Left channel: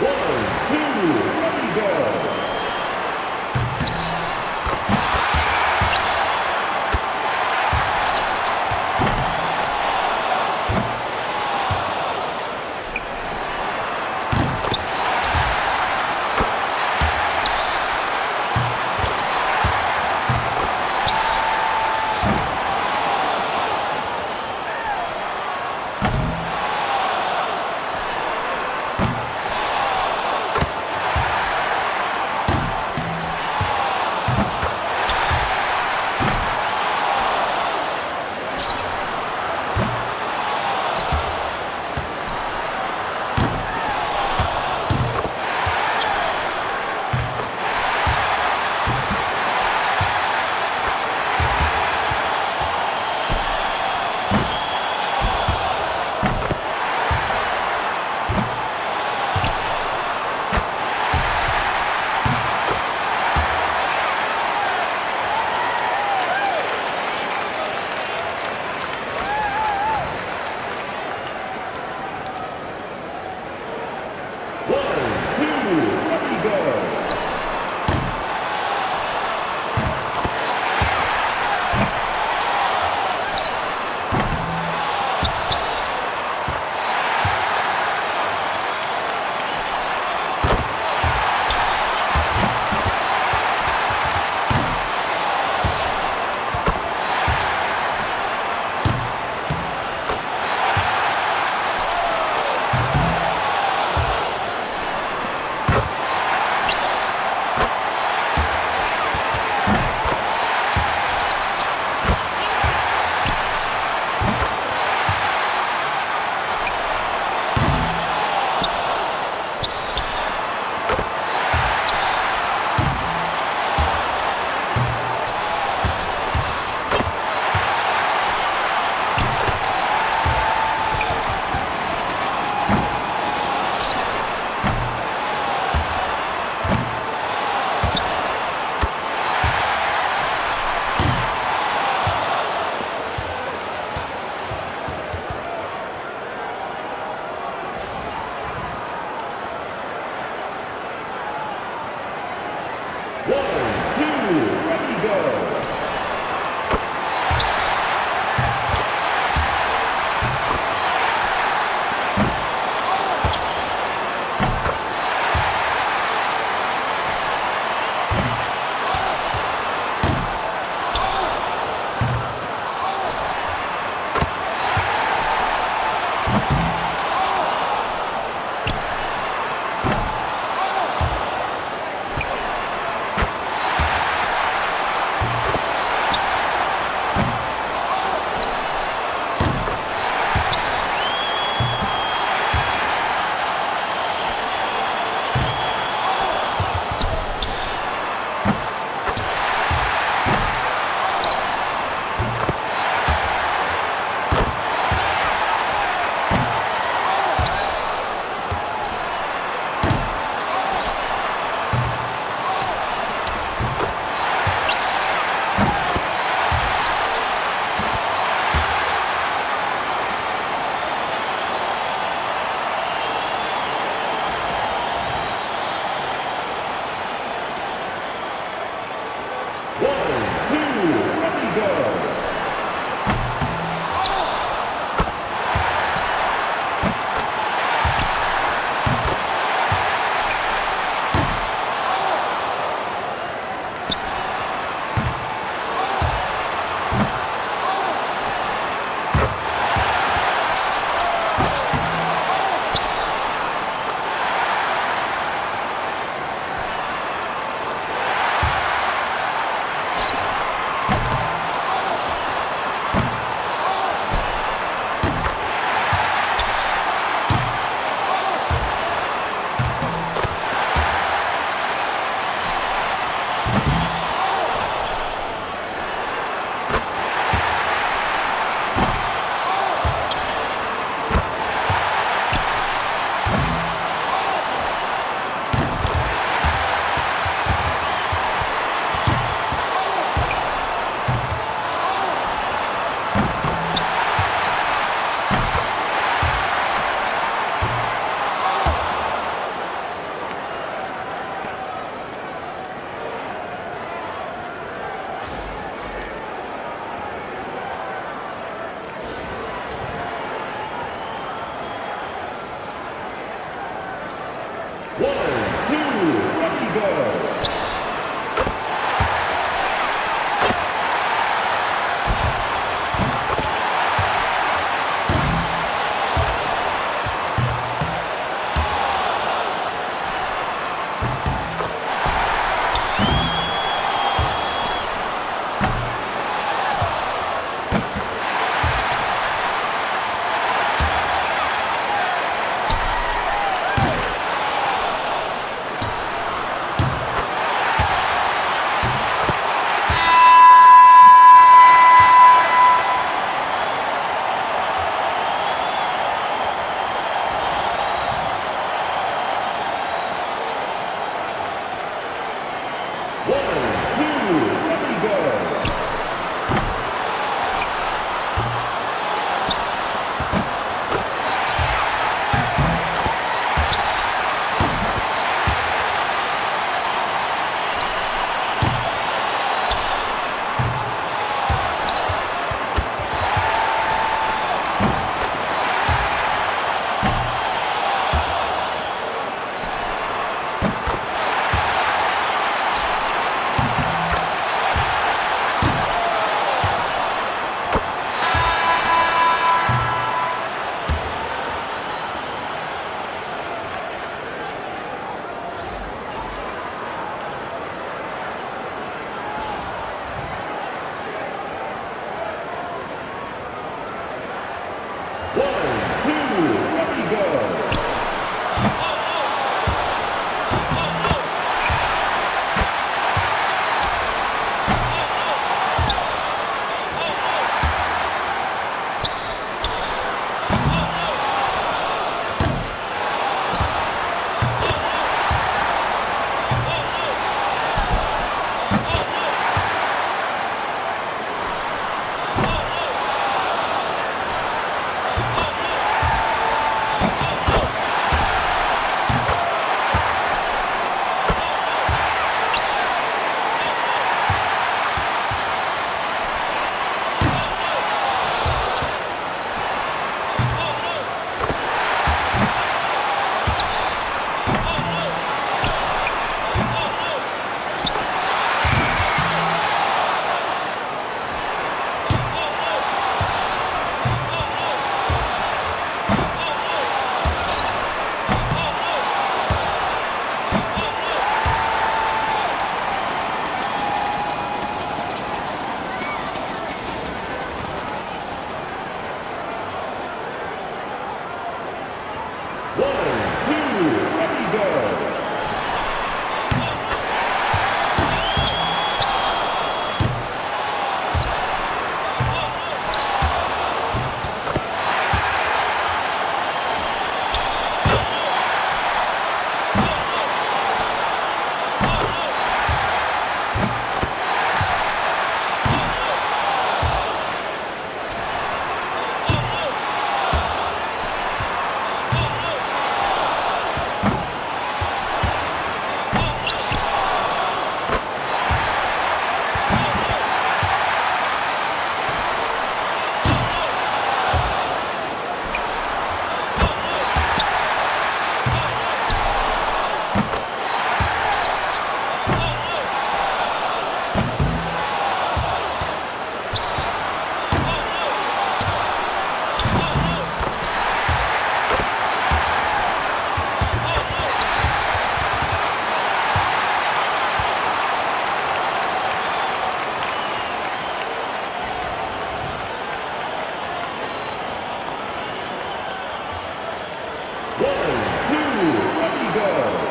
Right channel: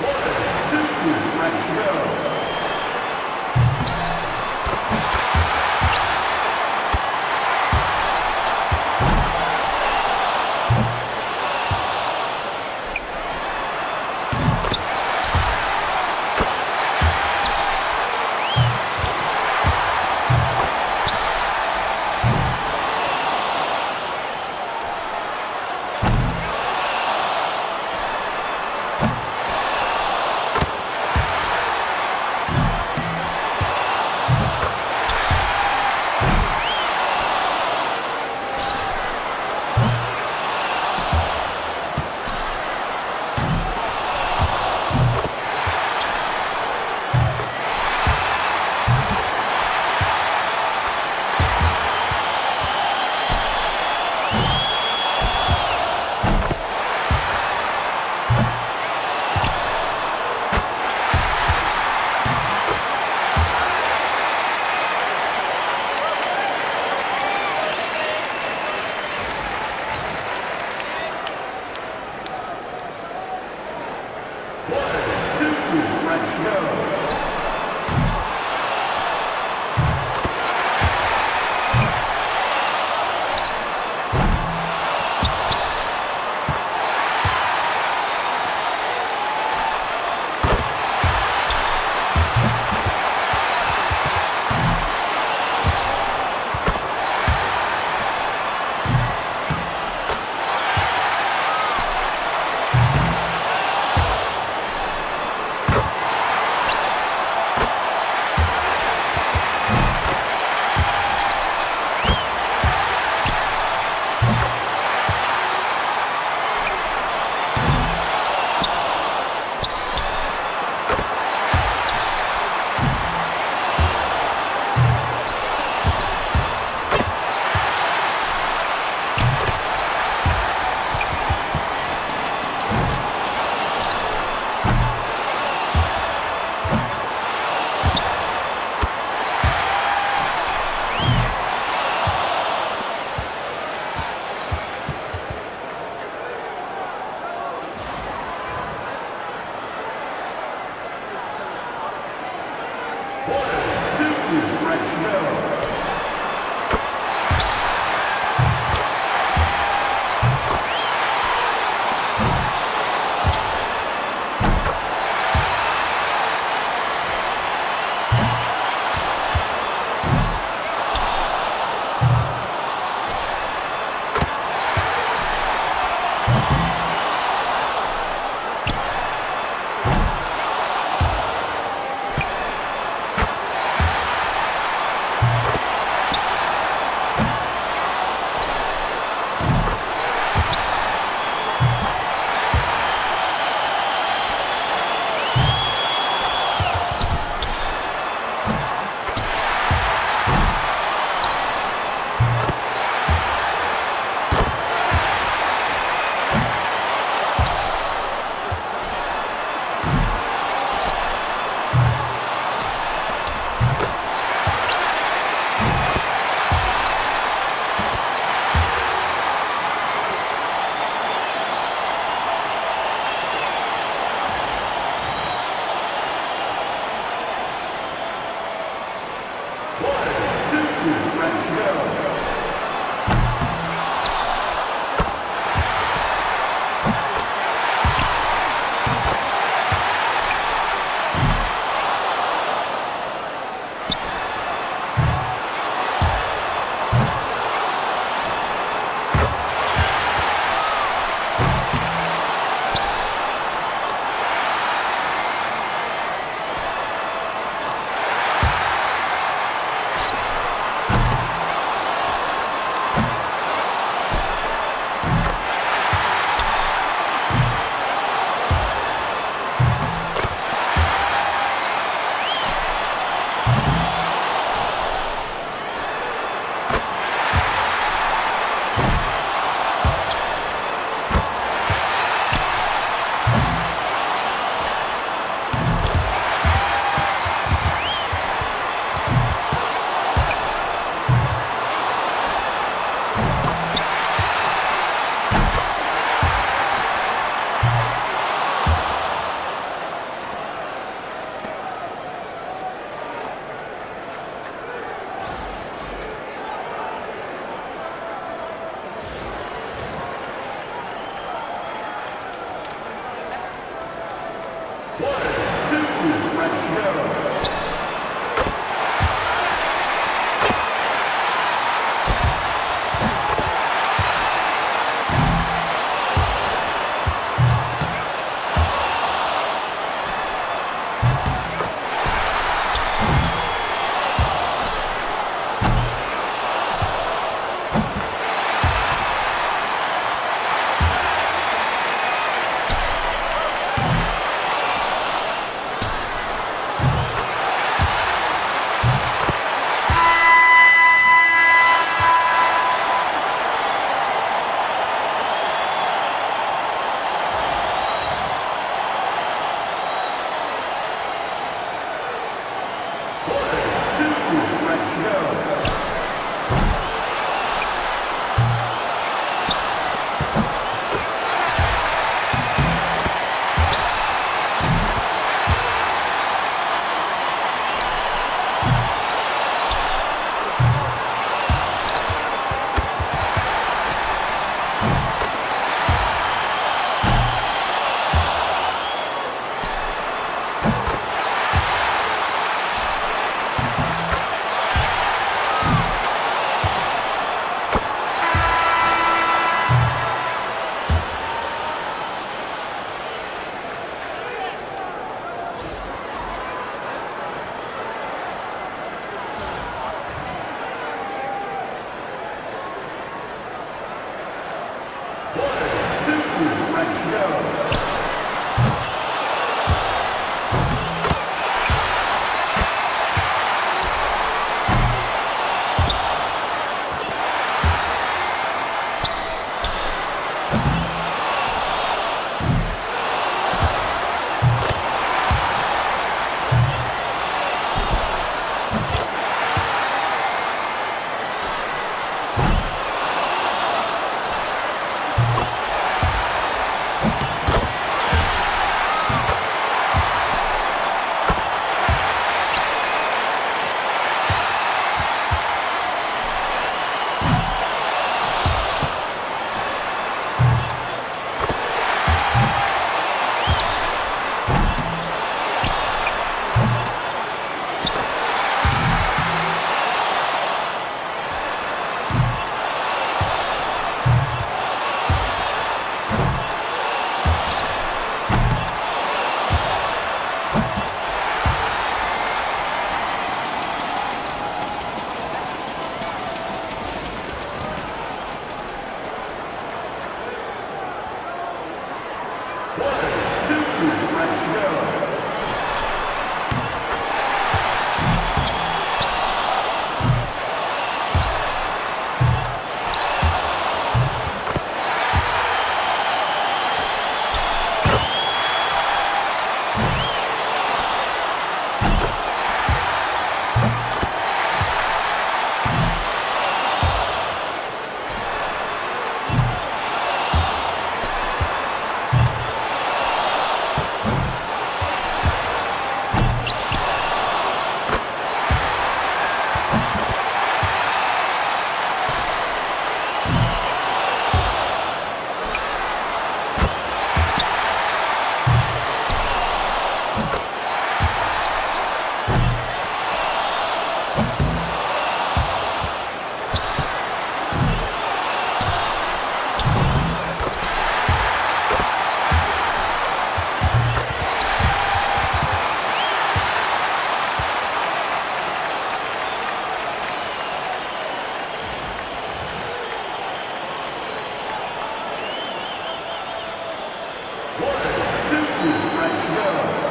One, two, ready, go. One, two, ready, go. One, two, ready, go. One, two, ready, go. One, two, ready, go. One, two, ready, go. One, two, ready, go. One, two, ready, go. One, two, ready, go.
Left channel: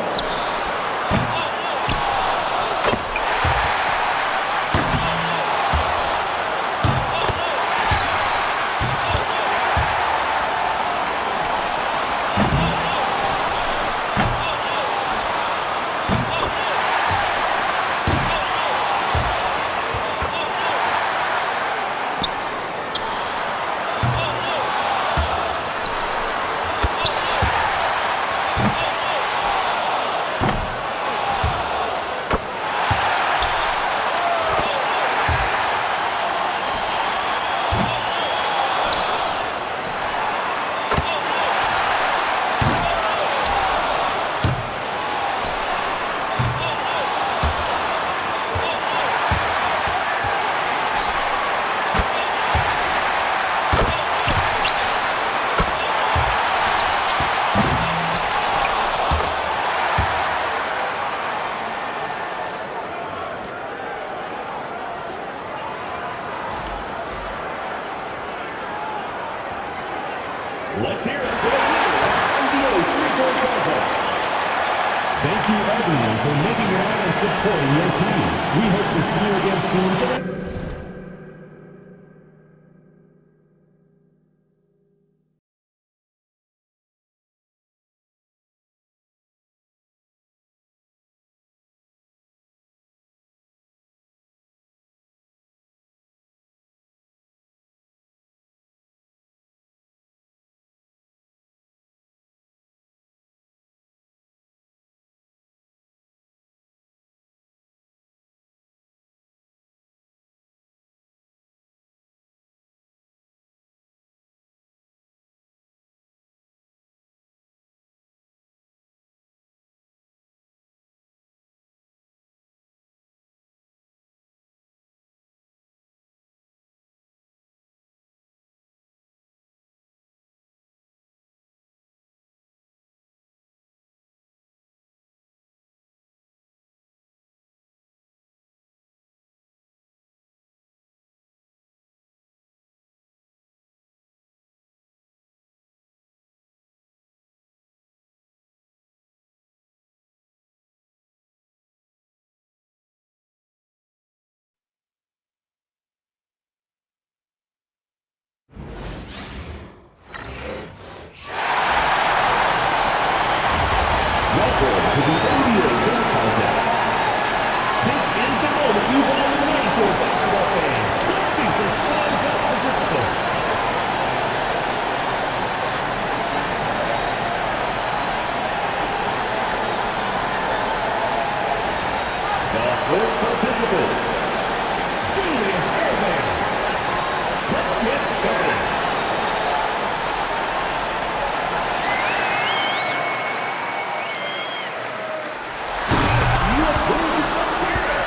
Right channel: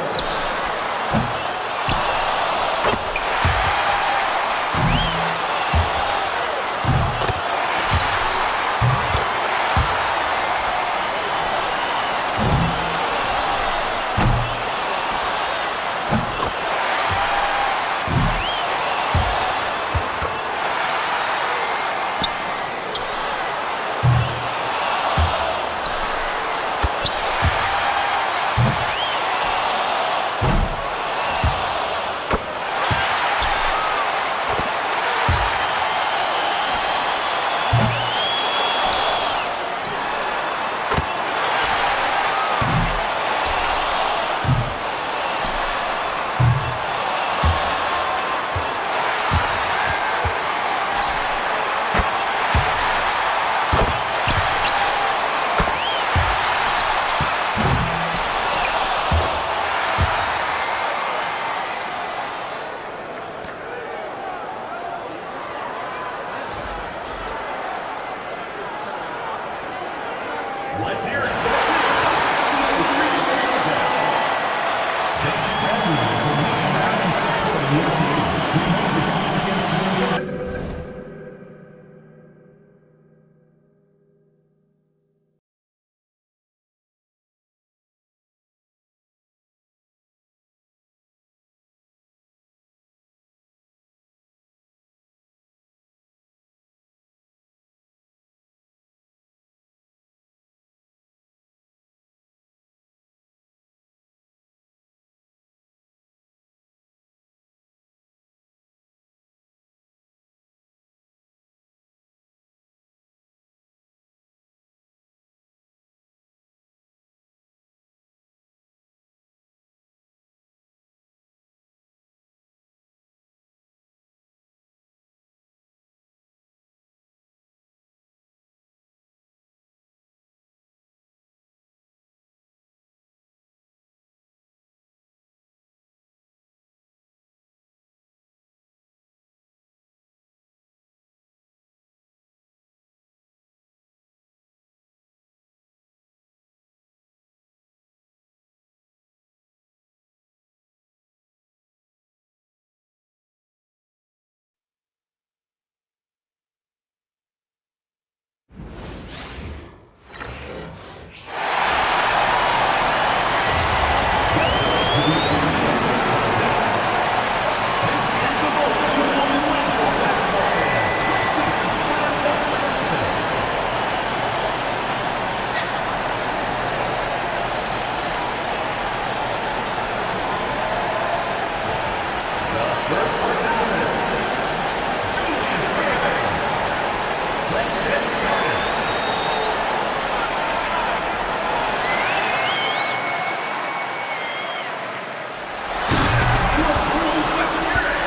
for making it out and supporting your team. We hope to see you again soon. First participant, Julius Irving. Let's get started. You approve. Let's hear it.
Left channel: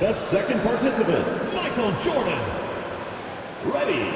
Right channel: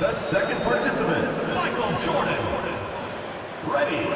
The second participant, Michael Jordan. Ready.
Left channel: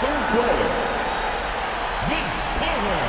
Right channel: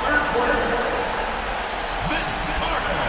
Third player, Vince Carter.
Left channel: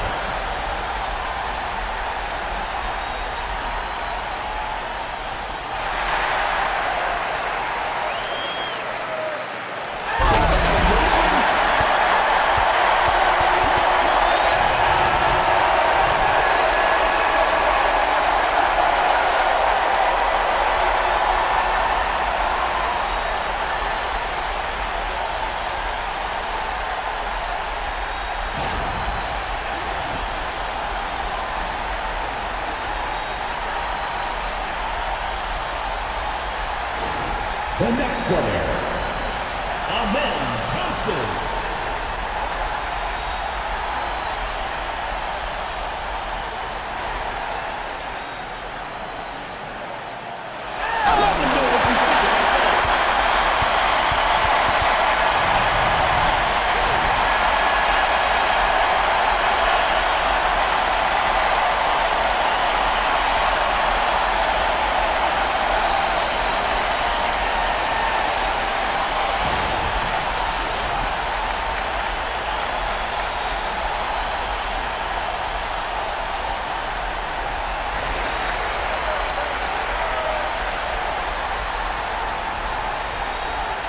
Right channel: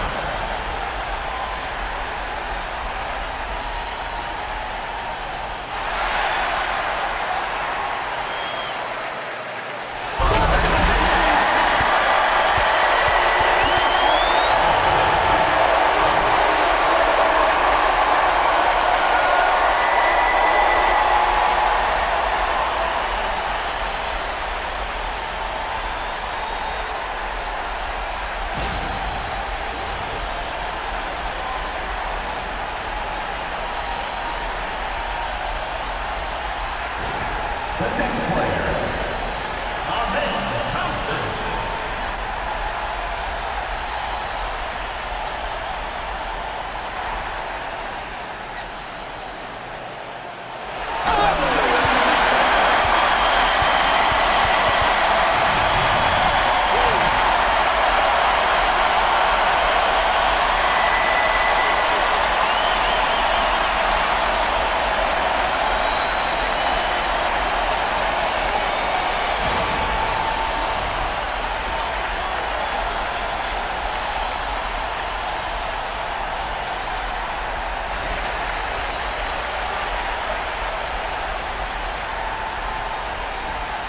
The next player, Amen Thompson.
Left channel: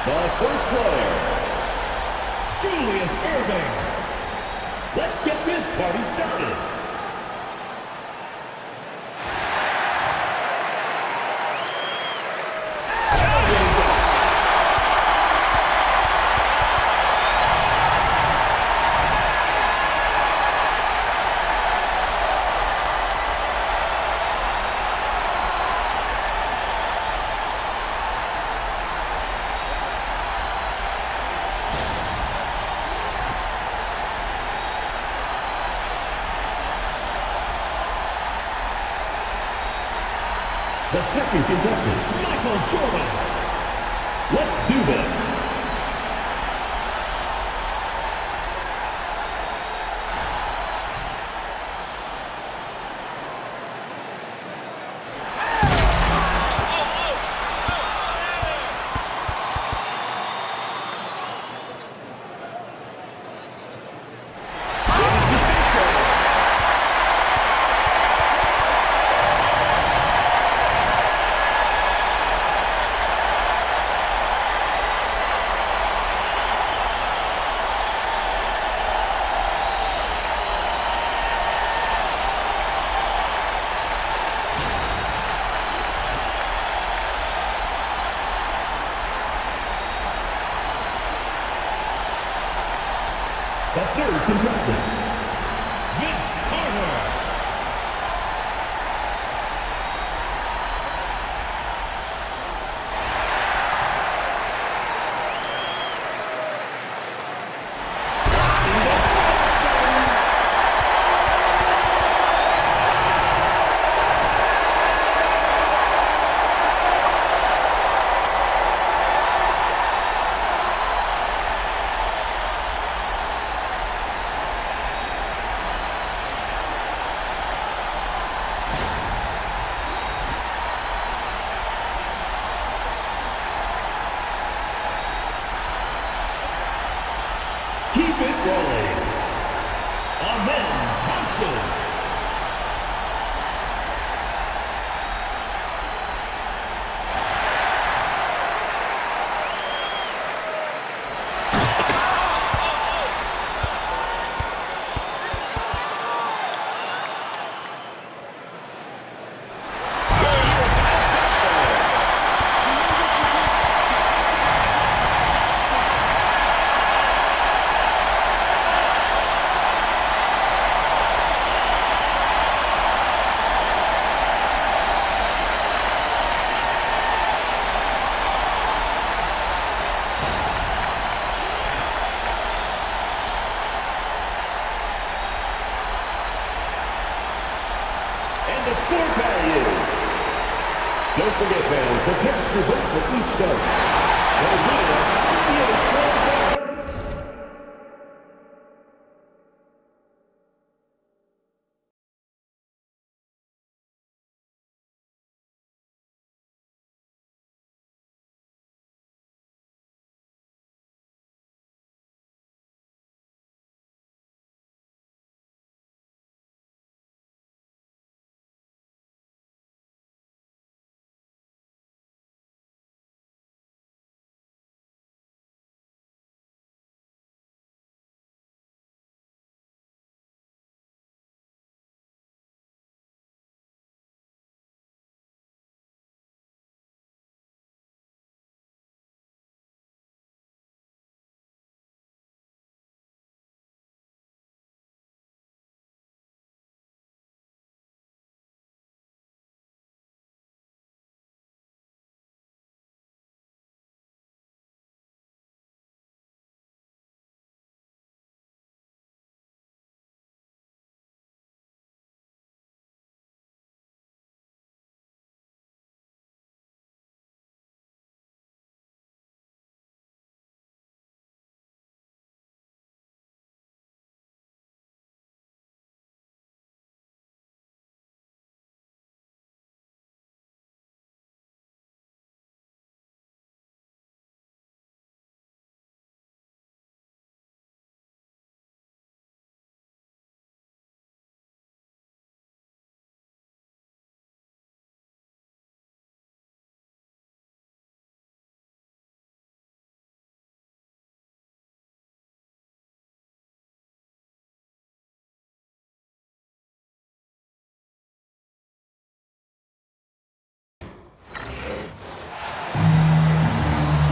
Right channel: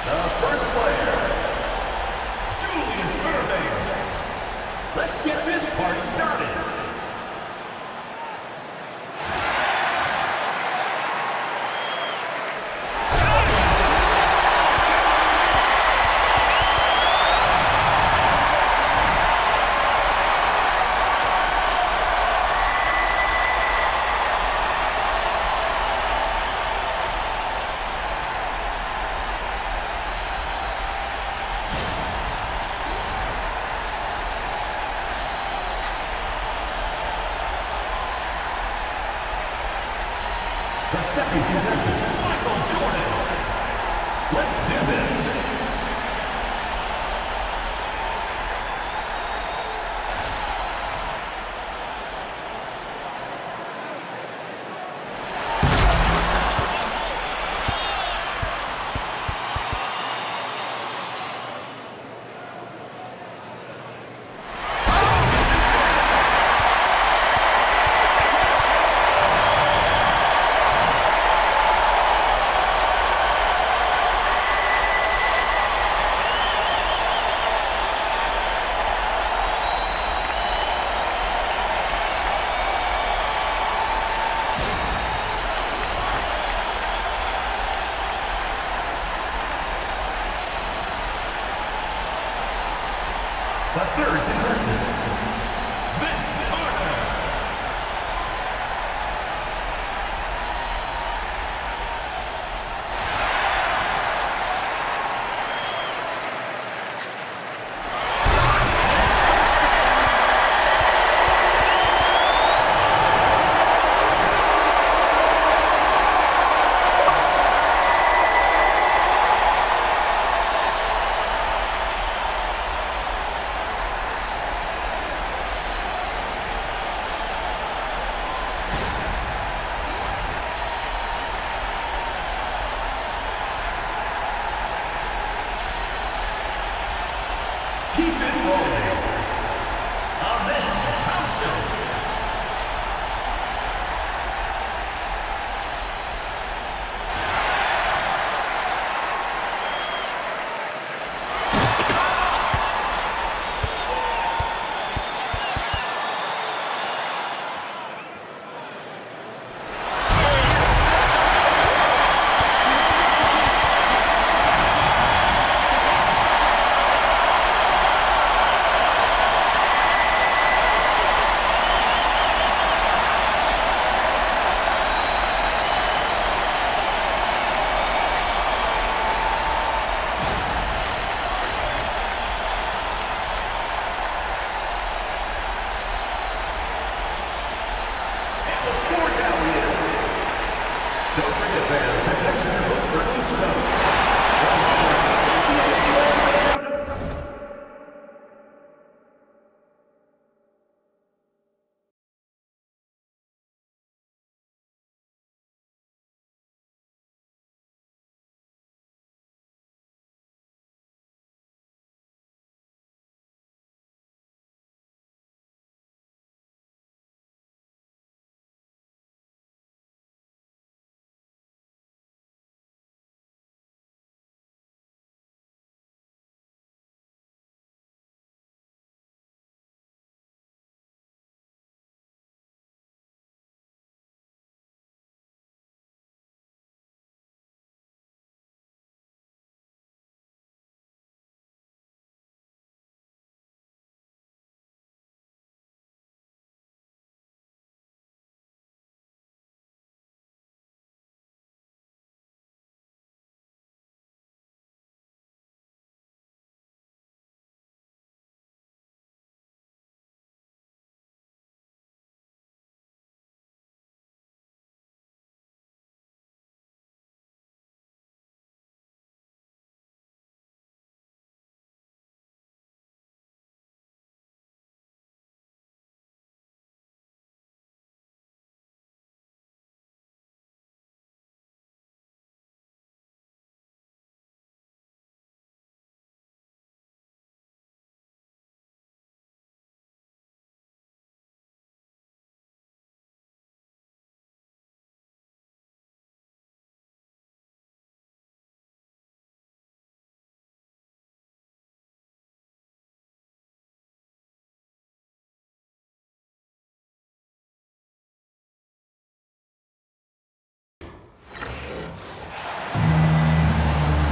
The first player, Julius Irving. Let's get this party started. The second contestant, Michael Jordan. Let's do this. The third contestant, Vince Carter. Keep it rolling. Amen Thompson. Don't forget, fans, to text your vote for each vote. The winner of the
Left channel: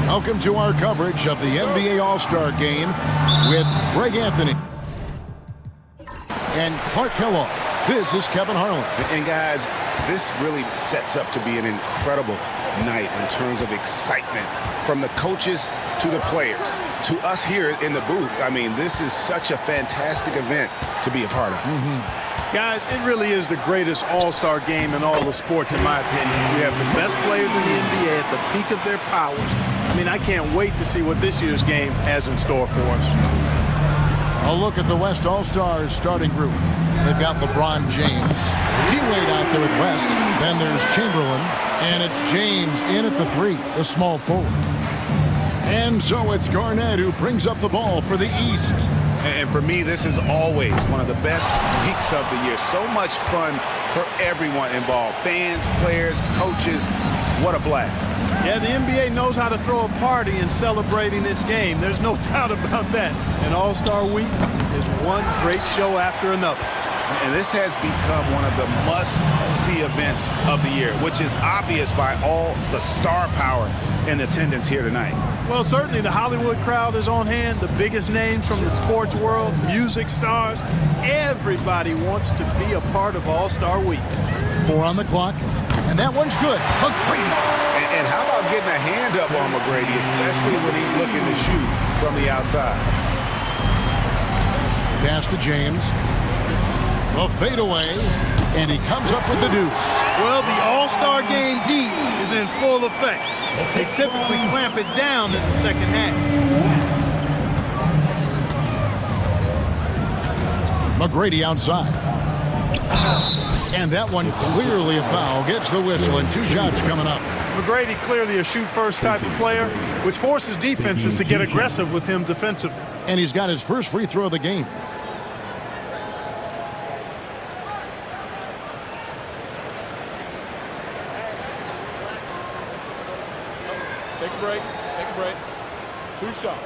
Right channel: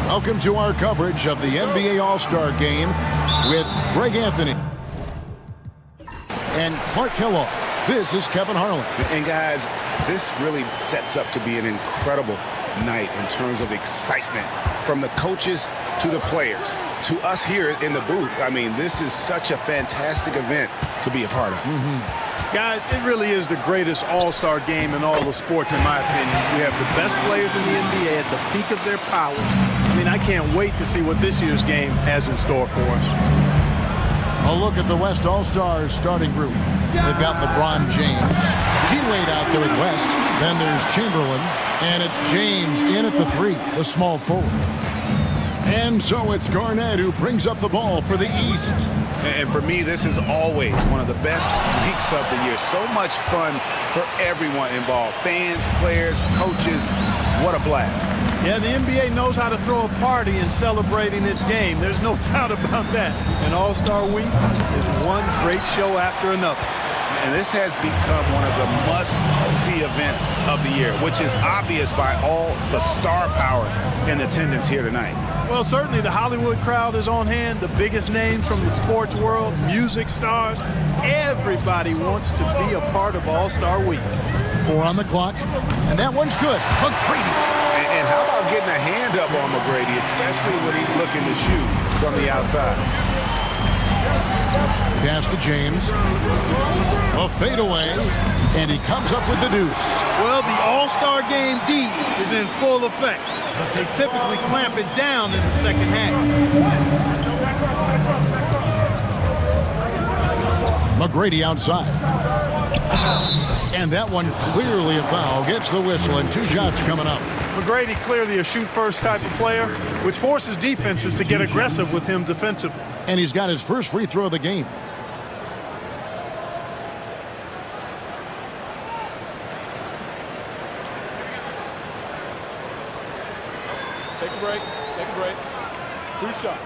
Welcome to our coverage of the NBA All-Star Game with Greg Anthony and Clark Kellogg. This is Kevin Harlan. And guys, this really sets up to be an incredible night in terms of excitement from the coaches to the players, to us here in the booth. I mean, this is such a fantastic event to be a part of. Guys, it really is the greatest all-star game in all the sports, in my opinion. We have the best players in the NBA at the peak of their powers. I mean, I can't wait to see what this year's game has in store for us. A look at the West All-Stars starting group. They've got LeBron James, D-Wade out there with West. Then there's Chamberlain, and it's James in at the 3, the small forward. And so it's Garnett who brings up the ball for the East. And for me, this is always one of the best weeks of the year. So much fun for everyone involved. Fans, players, coaches. What a blast. Yeah, the NBA knows how to throw a party in celebrating its game. There's no doubt about that. And All-Star Week is one great show after another. And this has become one of the must-see events of the year, which is obvious by all the star power in attendance here tonight. Well, certainly the Hollywood crowd is on hand, the biggest names from the sports world, music stars. Everybody wants to be a part of All-Star Week. 4 on the clock, and that one's good. McGrady. And how about getting a hand up on McGrady, especially when he's looking to shoot from the outside? Pass to James. A fadeaway, and he comes up with the deuce. Well, the All-Star Game D is in full effect. They typically clamp it down in the second half. McGrady outside. And that one clearly a foul. Gets the whistle, and 2 shots coming up. McGrady clearly a shoot-first type of player, which forces defenses to get aggressive with him defensively. And he's got his first free throw of the game. Take a break. Take a break. 2 shots.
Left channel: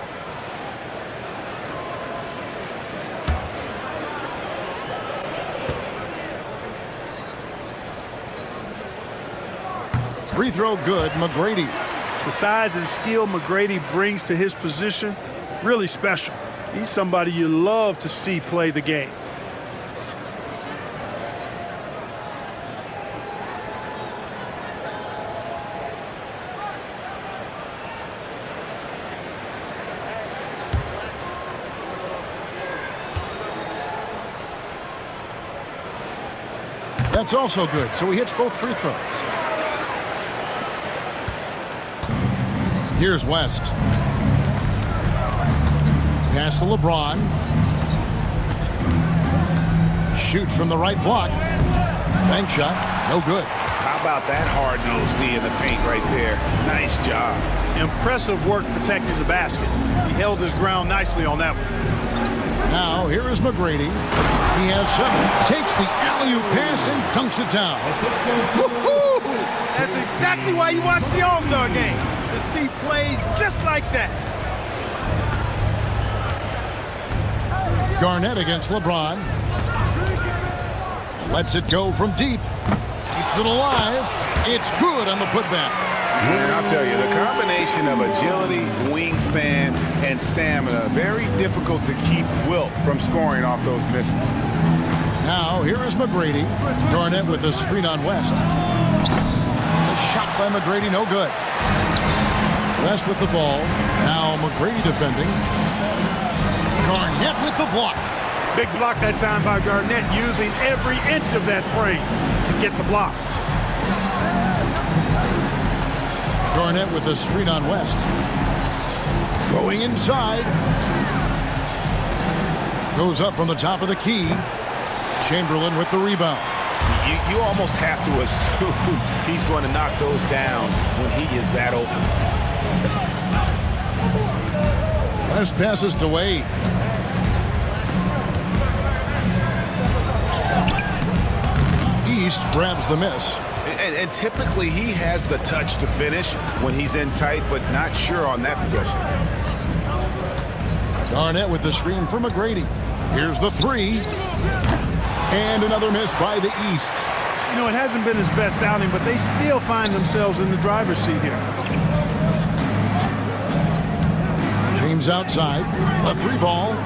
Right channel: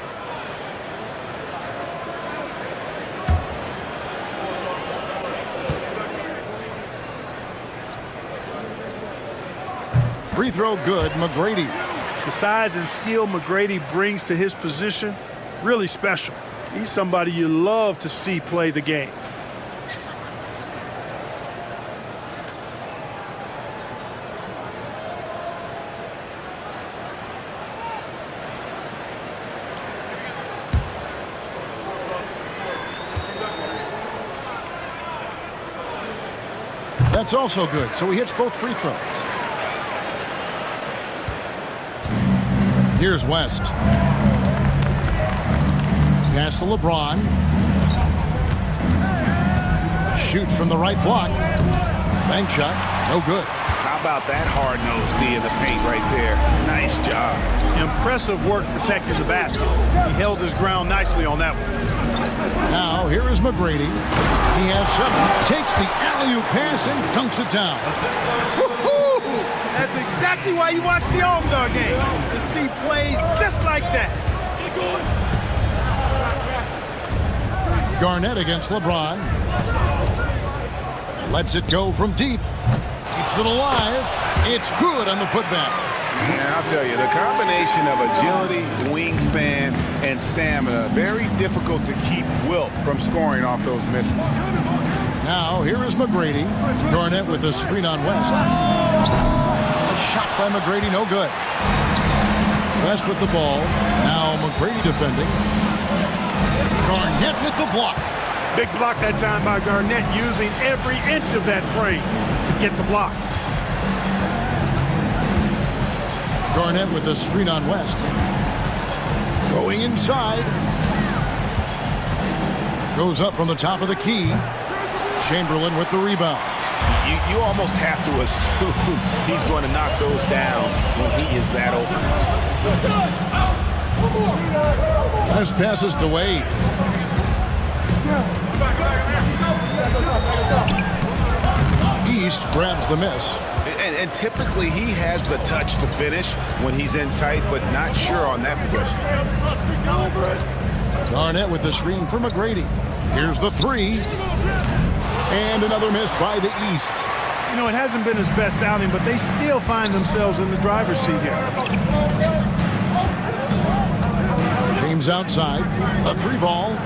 Free throw good, McGrady. The size and skill McGrady brings to his position, really special. He's somebody you love to see play the game. That's also good, so he hits both free throws. Here's West. Pass to LeBron. Shoots from the right block. Bank shot, no good. How about that hard-nosed D in the paint right there? Nice job. Impressive work protecting the basket. He held his ground nicely on that one. Now, here is McGrady. He has 7. Takes the alley-oop pass and dunks it down. Woo-hoo! That's exactly why you watch the All-Star Game, to see plays just like that. Garnett against LeBron. Lets it go from deep. Keeps it alive. It's good on the putback. Man, I'll tell you, the combination of agility, wingspan, and stamina, very difficult to keep Wilt from scoring off those misses. Now, here is McGrady. Garnett with a screen on West. A shot by McGrady, no good. West with the ball. Now McGrady defending. Garnett with the block. Big block that time by Garnett, using every inch of that frame to get the block. Garnett with a screen on West. Going inside. Goes up from the top of the key. Chamberlain with the rebound. You almost have to assume he's going to knock those down when he is that open. West passes to Wade. East grabs the miss. And typically he has the touch to finish when he's in tight, but not sure on that possession. Garnett with the screen for McGrady. Here's the 3. And another miss by the East. You know, it hasn't been his best outing, but they still find themselves in the driver's seat here. James outside. A 3 ball.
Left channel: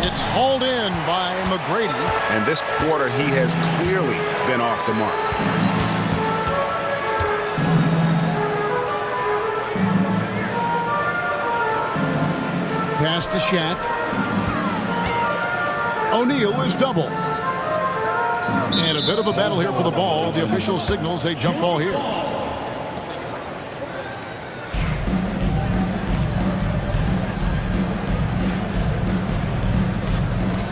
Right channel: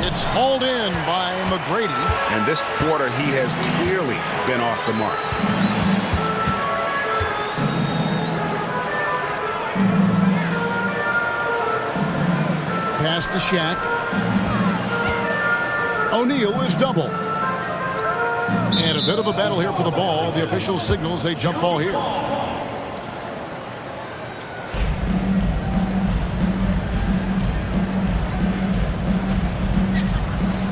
It's hauled in by McGrady. And this quarter, he has clearly been off the mark. Pass to Shaq. O'Neal is double. And a bit of a battle here for the ball. The official signals a jump ball here.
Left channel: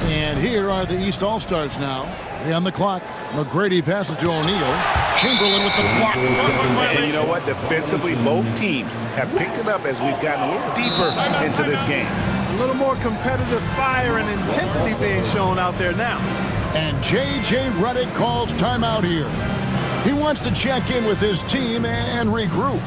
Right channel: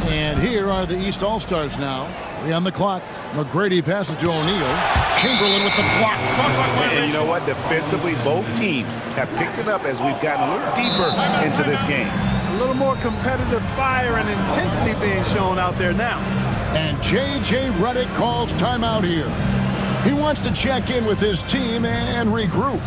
And here are the East All-Stars now. 3 on the clock. McGrady passes to O'Neal. Chamberlain with the block. And you know what? Defensively, both teams have picked it up as we've gotten a little deeper into this game. A little more competitive fire and intensity being shown out there now. And J.J. Redick calls timeout here. He wants to check in with his team and regroup.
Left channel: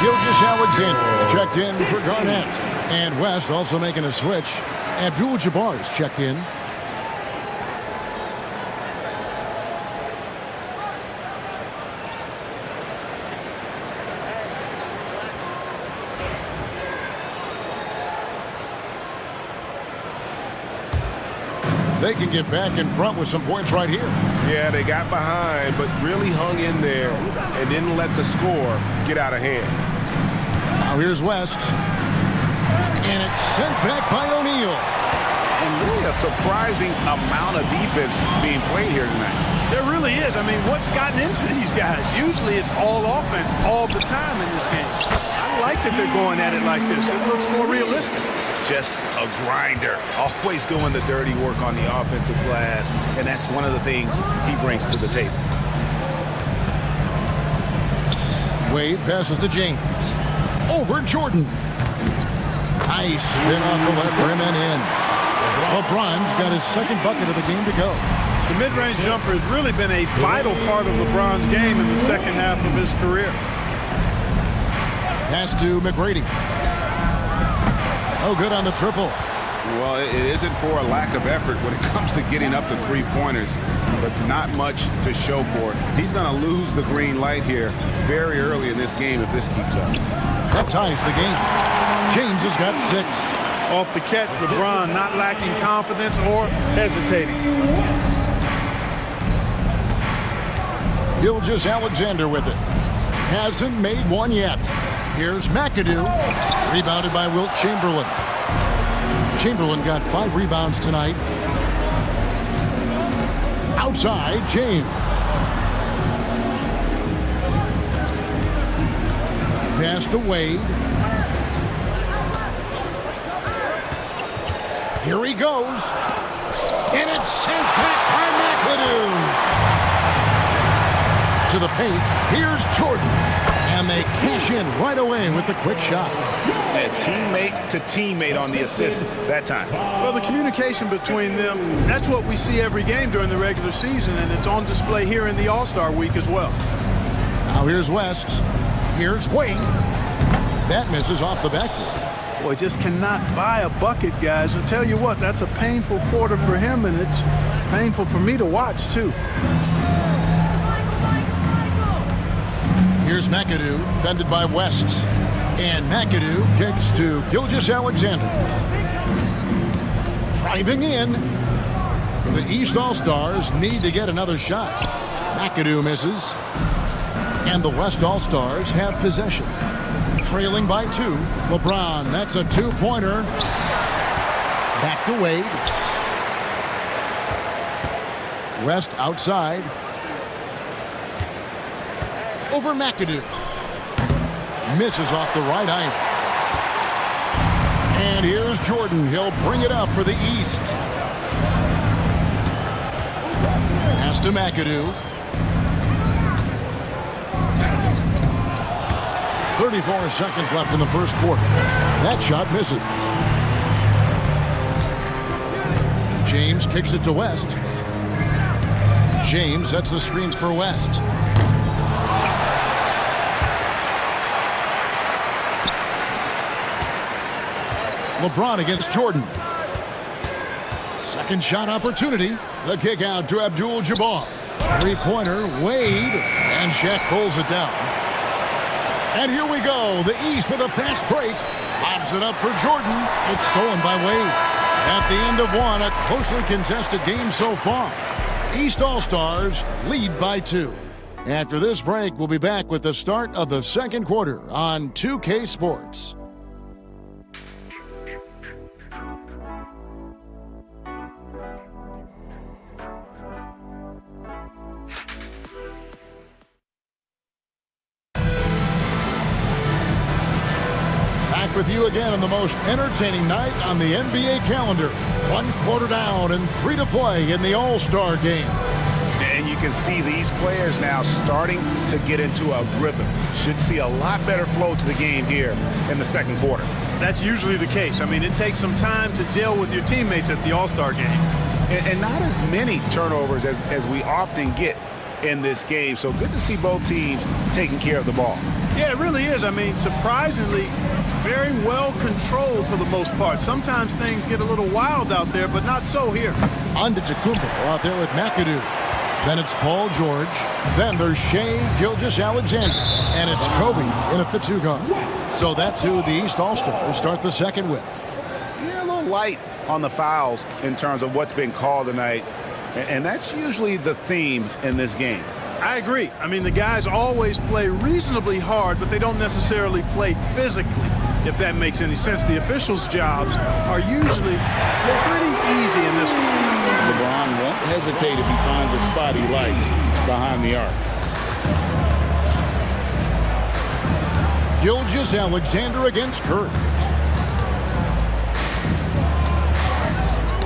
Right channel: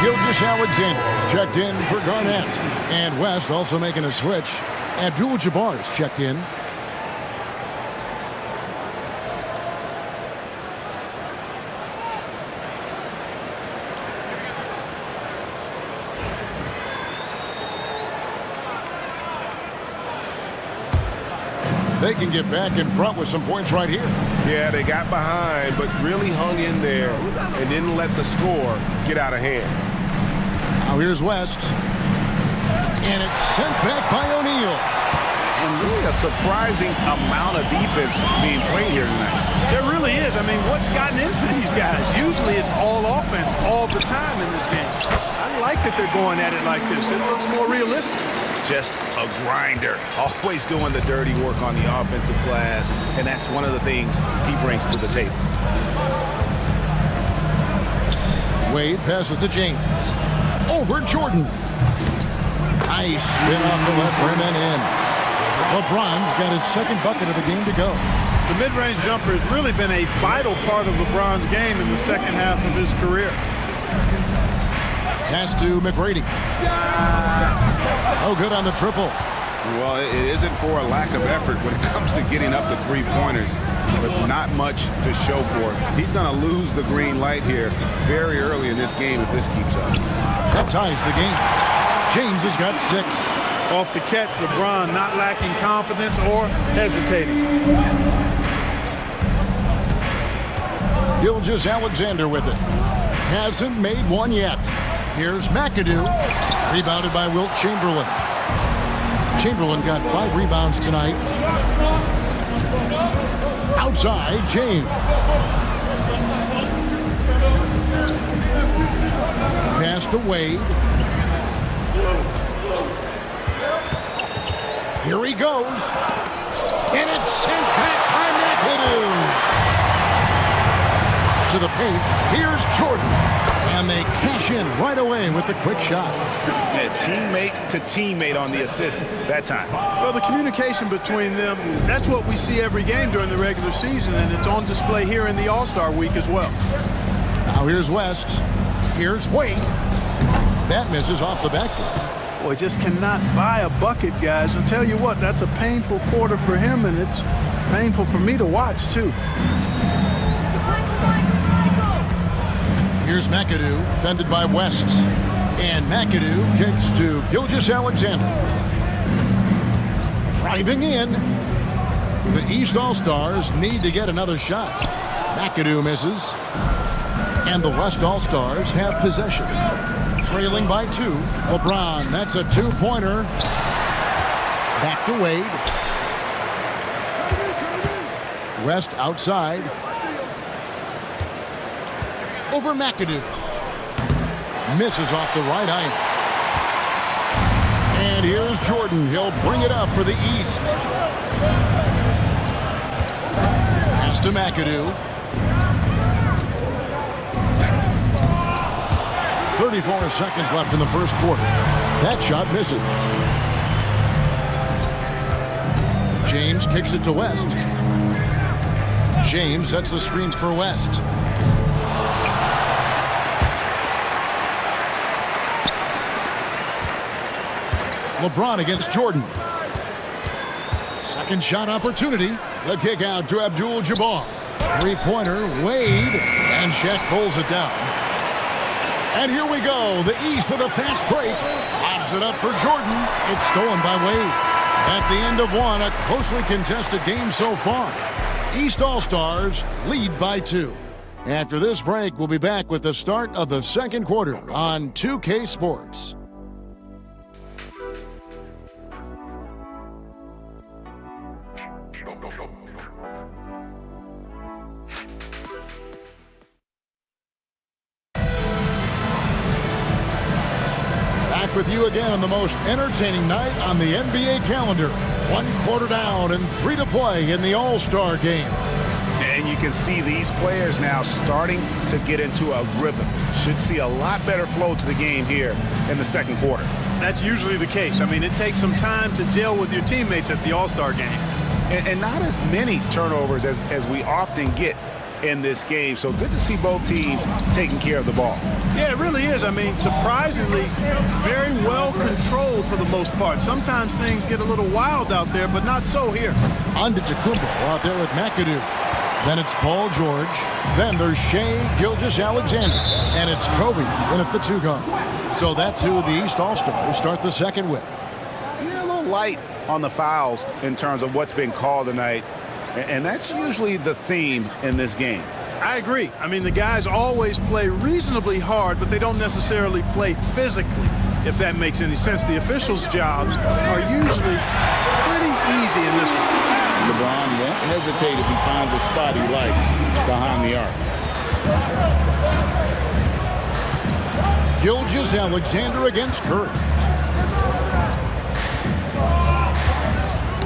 Gilgeous-Alexander checked in for Garnett. And West also making a switch. Abdul-Jabbar's checked in. They can get back in front with some points right here. Yeah, they got behind, but really hung in there and didn't let the score get out of hand. Now here's West. And it's sent back by O'Neal. And really a surprising amount of defense being played here tonight. There really is. I mean, what's gotten into these guys? Usually it's all offense all the time in this game. I like that they're going at it like this. It looks more realistic. Just a grinder, always doing the dirty work on the offensive glass, and that's one of the things he brings to the table. Wade passes to James. Over Jordan. Nice spin off the left rim and in. LeBron's got his second bucket of the game to go. The mid-range jumper has really been a vital part of LeBron's game in the second half of his career. Pass to McGrady. Oh, good on the triple. Well, it isn't for a lack of effort when it comes to getting up to three-pointers, but not much to show for it. He's going to lose the green light here very early in this game if this keeps up. That ties the game. James has got 6. Off the catch, LeBron not lacking confidence or hesitating. Gilgeous-Alexander with it. Hasn't made one yet. Here's McAdoo. Rebounded by Wilt Chamberlain. Chamberlain got 5 rebounds tonight. Outside, James. Pass to Wade. Here he goes. And it's sent back by McAdoo. To the paint. Here's Jordan. And they cash in right away with the quick shot. Yeah, teammate to teammate on the assist that time. Well, the communication between them, that's what we see every game during the regular season, and it's on display here in the All-Star week as well. Now here's West. Here's Wade. That misses off the backboard. Boy, just cannot buy a bucket, guys. I'll tell you what, that's a painful quarter for him, and it's painful for me to watch, too. Here's McAdoo, fended by West. And McAdoo kicks to Gilgeous-Alexander. Driving in. The East All-Stars need to get another shot. McAdoo misses. And the West All-Stars have possession. trailing by 2. LeBron, that's a 2-pointer. Back to Wade. West outside. Over McAdoo. Misses off the right iron. And here's Jordan. He'll bring it up for the East. Pass to McAdoo. 34 seconds left in the first quarter. That shot misses. James kicks it to West. James sets the screen for West. LeBron against Jordan. Second shot opportunity. The kick out to Abdul-Jabbar. Three-pointer, Wade, and Shaq pulls it down. And here we go. The East with a fast break. Lobs it up for Jordan. It's stolen by Wade. At the end of one, a closely contested game so far. East All-Stars lead by 2. After this break, we'll be back with the start of the second quarter on 2K Sports. Back with you again on the most entertaining night on the NBA calendar. 1 quarter down and 3 to play in the All-Star game. And you can see these players now starting to get into a rhythm. Should see a lot better flow to the game here in the second quarter. That's usually the case. I mean, it takes some time to gel with your teammates at the All-Star game. And not as many turnovers as we often get in this game. So good to see both teams taking care of the ball. Yeah, it really is. I mean, surprisingly, very well controlled for the most part. Sometimes things get a little wild out there, but not so here. Antetokounmpo out there with McAdoo. Then it's Paul George. Then there's Shai Gilgeous-Alexander. And it's Kobe in at the 2 guard. So that's who the East All-Stars start the second with. Yeah, a little light on the fouls in terms of what's been called tonight. And that's usually the theme in this game. I agree. I mean, the guys always play reasonably hard, but they don't necessarily play physically, if that makes any sense. The officials' jobs are usually pretty easy in this one. LeBron won't hesitate if he finds a spot he likes behind the arc. Gilgeous-Alexander against Curry.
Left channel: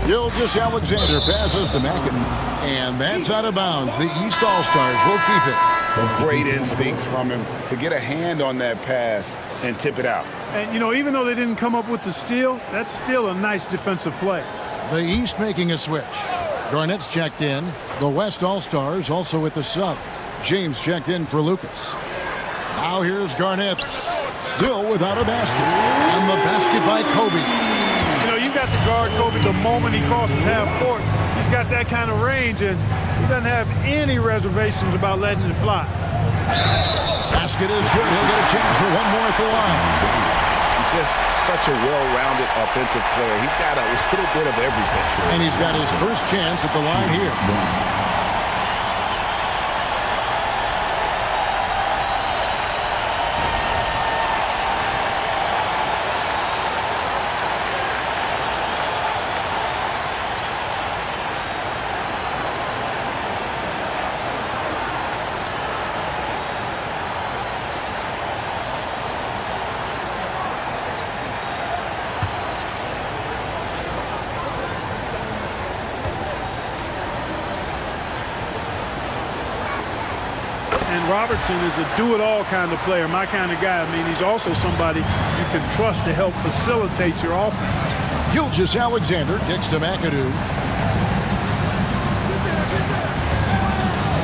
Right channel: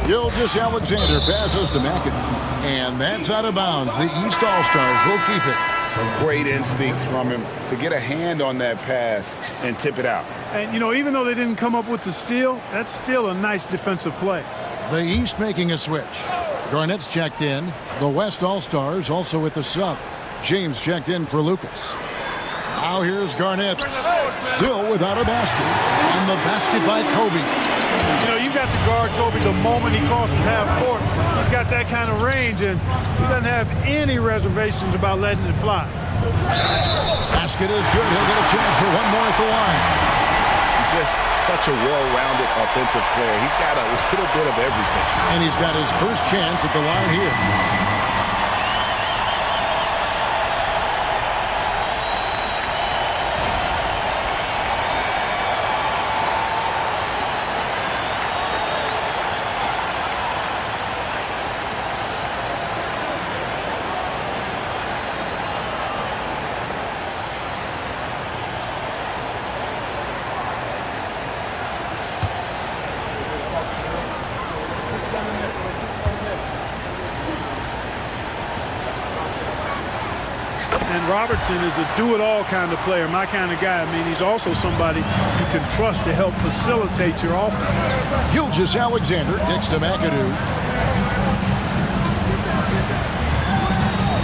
Gilgeous-Alexander passes to McAdoo. And that's out of bounds. The East All-Stars will keep it. Some great instincts from him to get a hand on that pass and tip it out. And, you know, even though they didn't come up with the steal, that's still a nice defensive play. The East making a switch. Garnett's checked in. The West All-Stars also with the sub. James checked in for Lucas. Now here's Garnett. Still without a basket. And the basket by Kobe. You know, you've got to guard Kobe the moment he crosses half court. He's got that kind of range, and he doesn't have any reservations about letting it fly. Basket is good. He'll get a chance for one more at the line. He's just such a well-rounded offensive player. He's got a little bit of everything. And he's got his first chance at the line here. And Robertson is a do-it-all kind of player, my kind of guy. I mean, he's also somebody you can trust to help facilitate your offense. Gilgeous-Alexander kicks to McAdoo.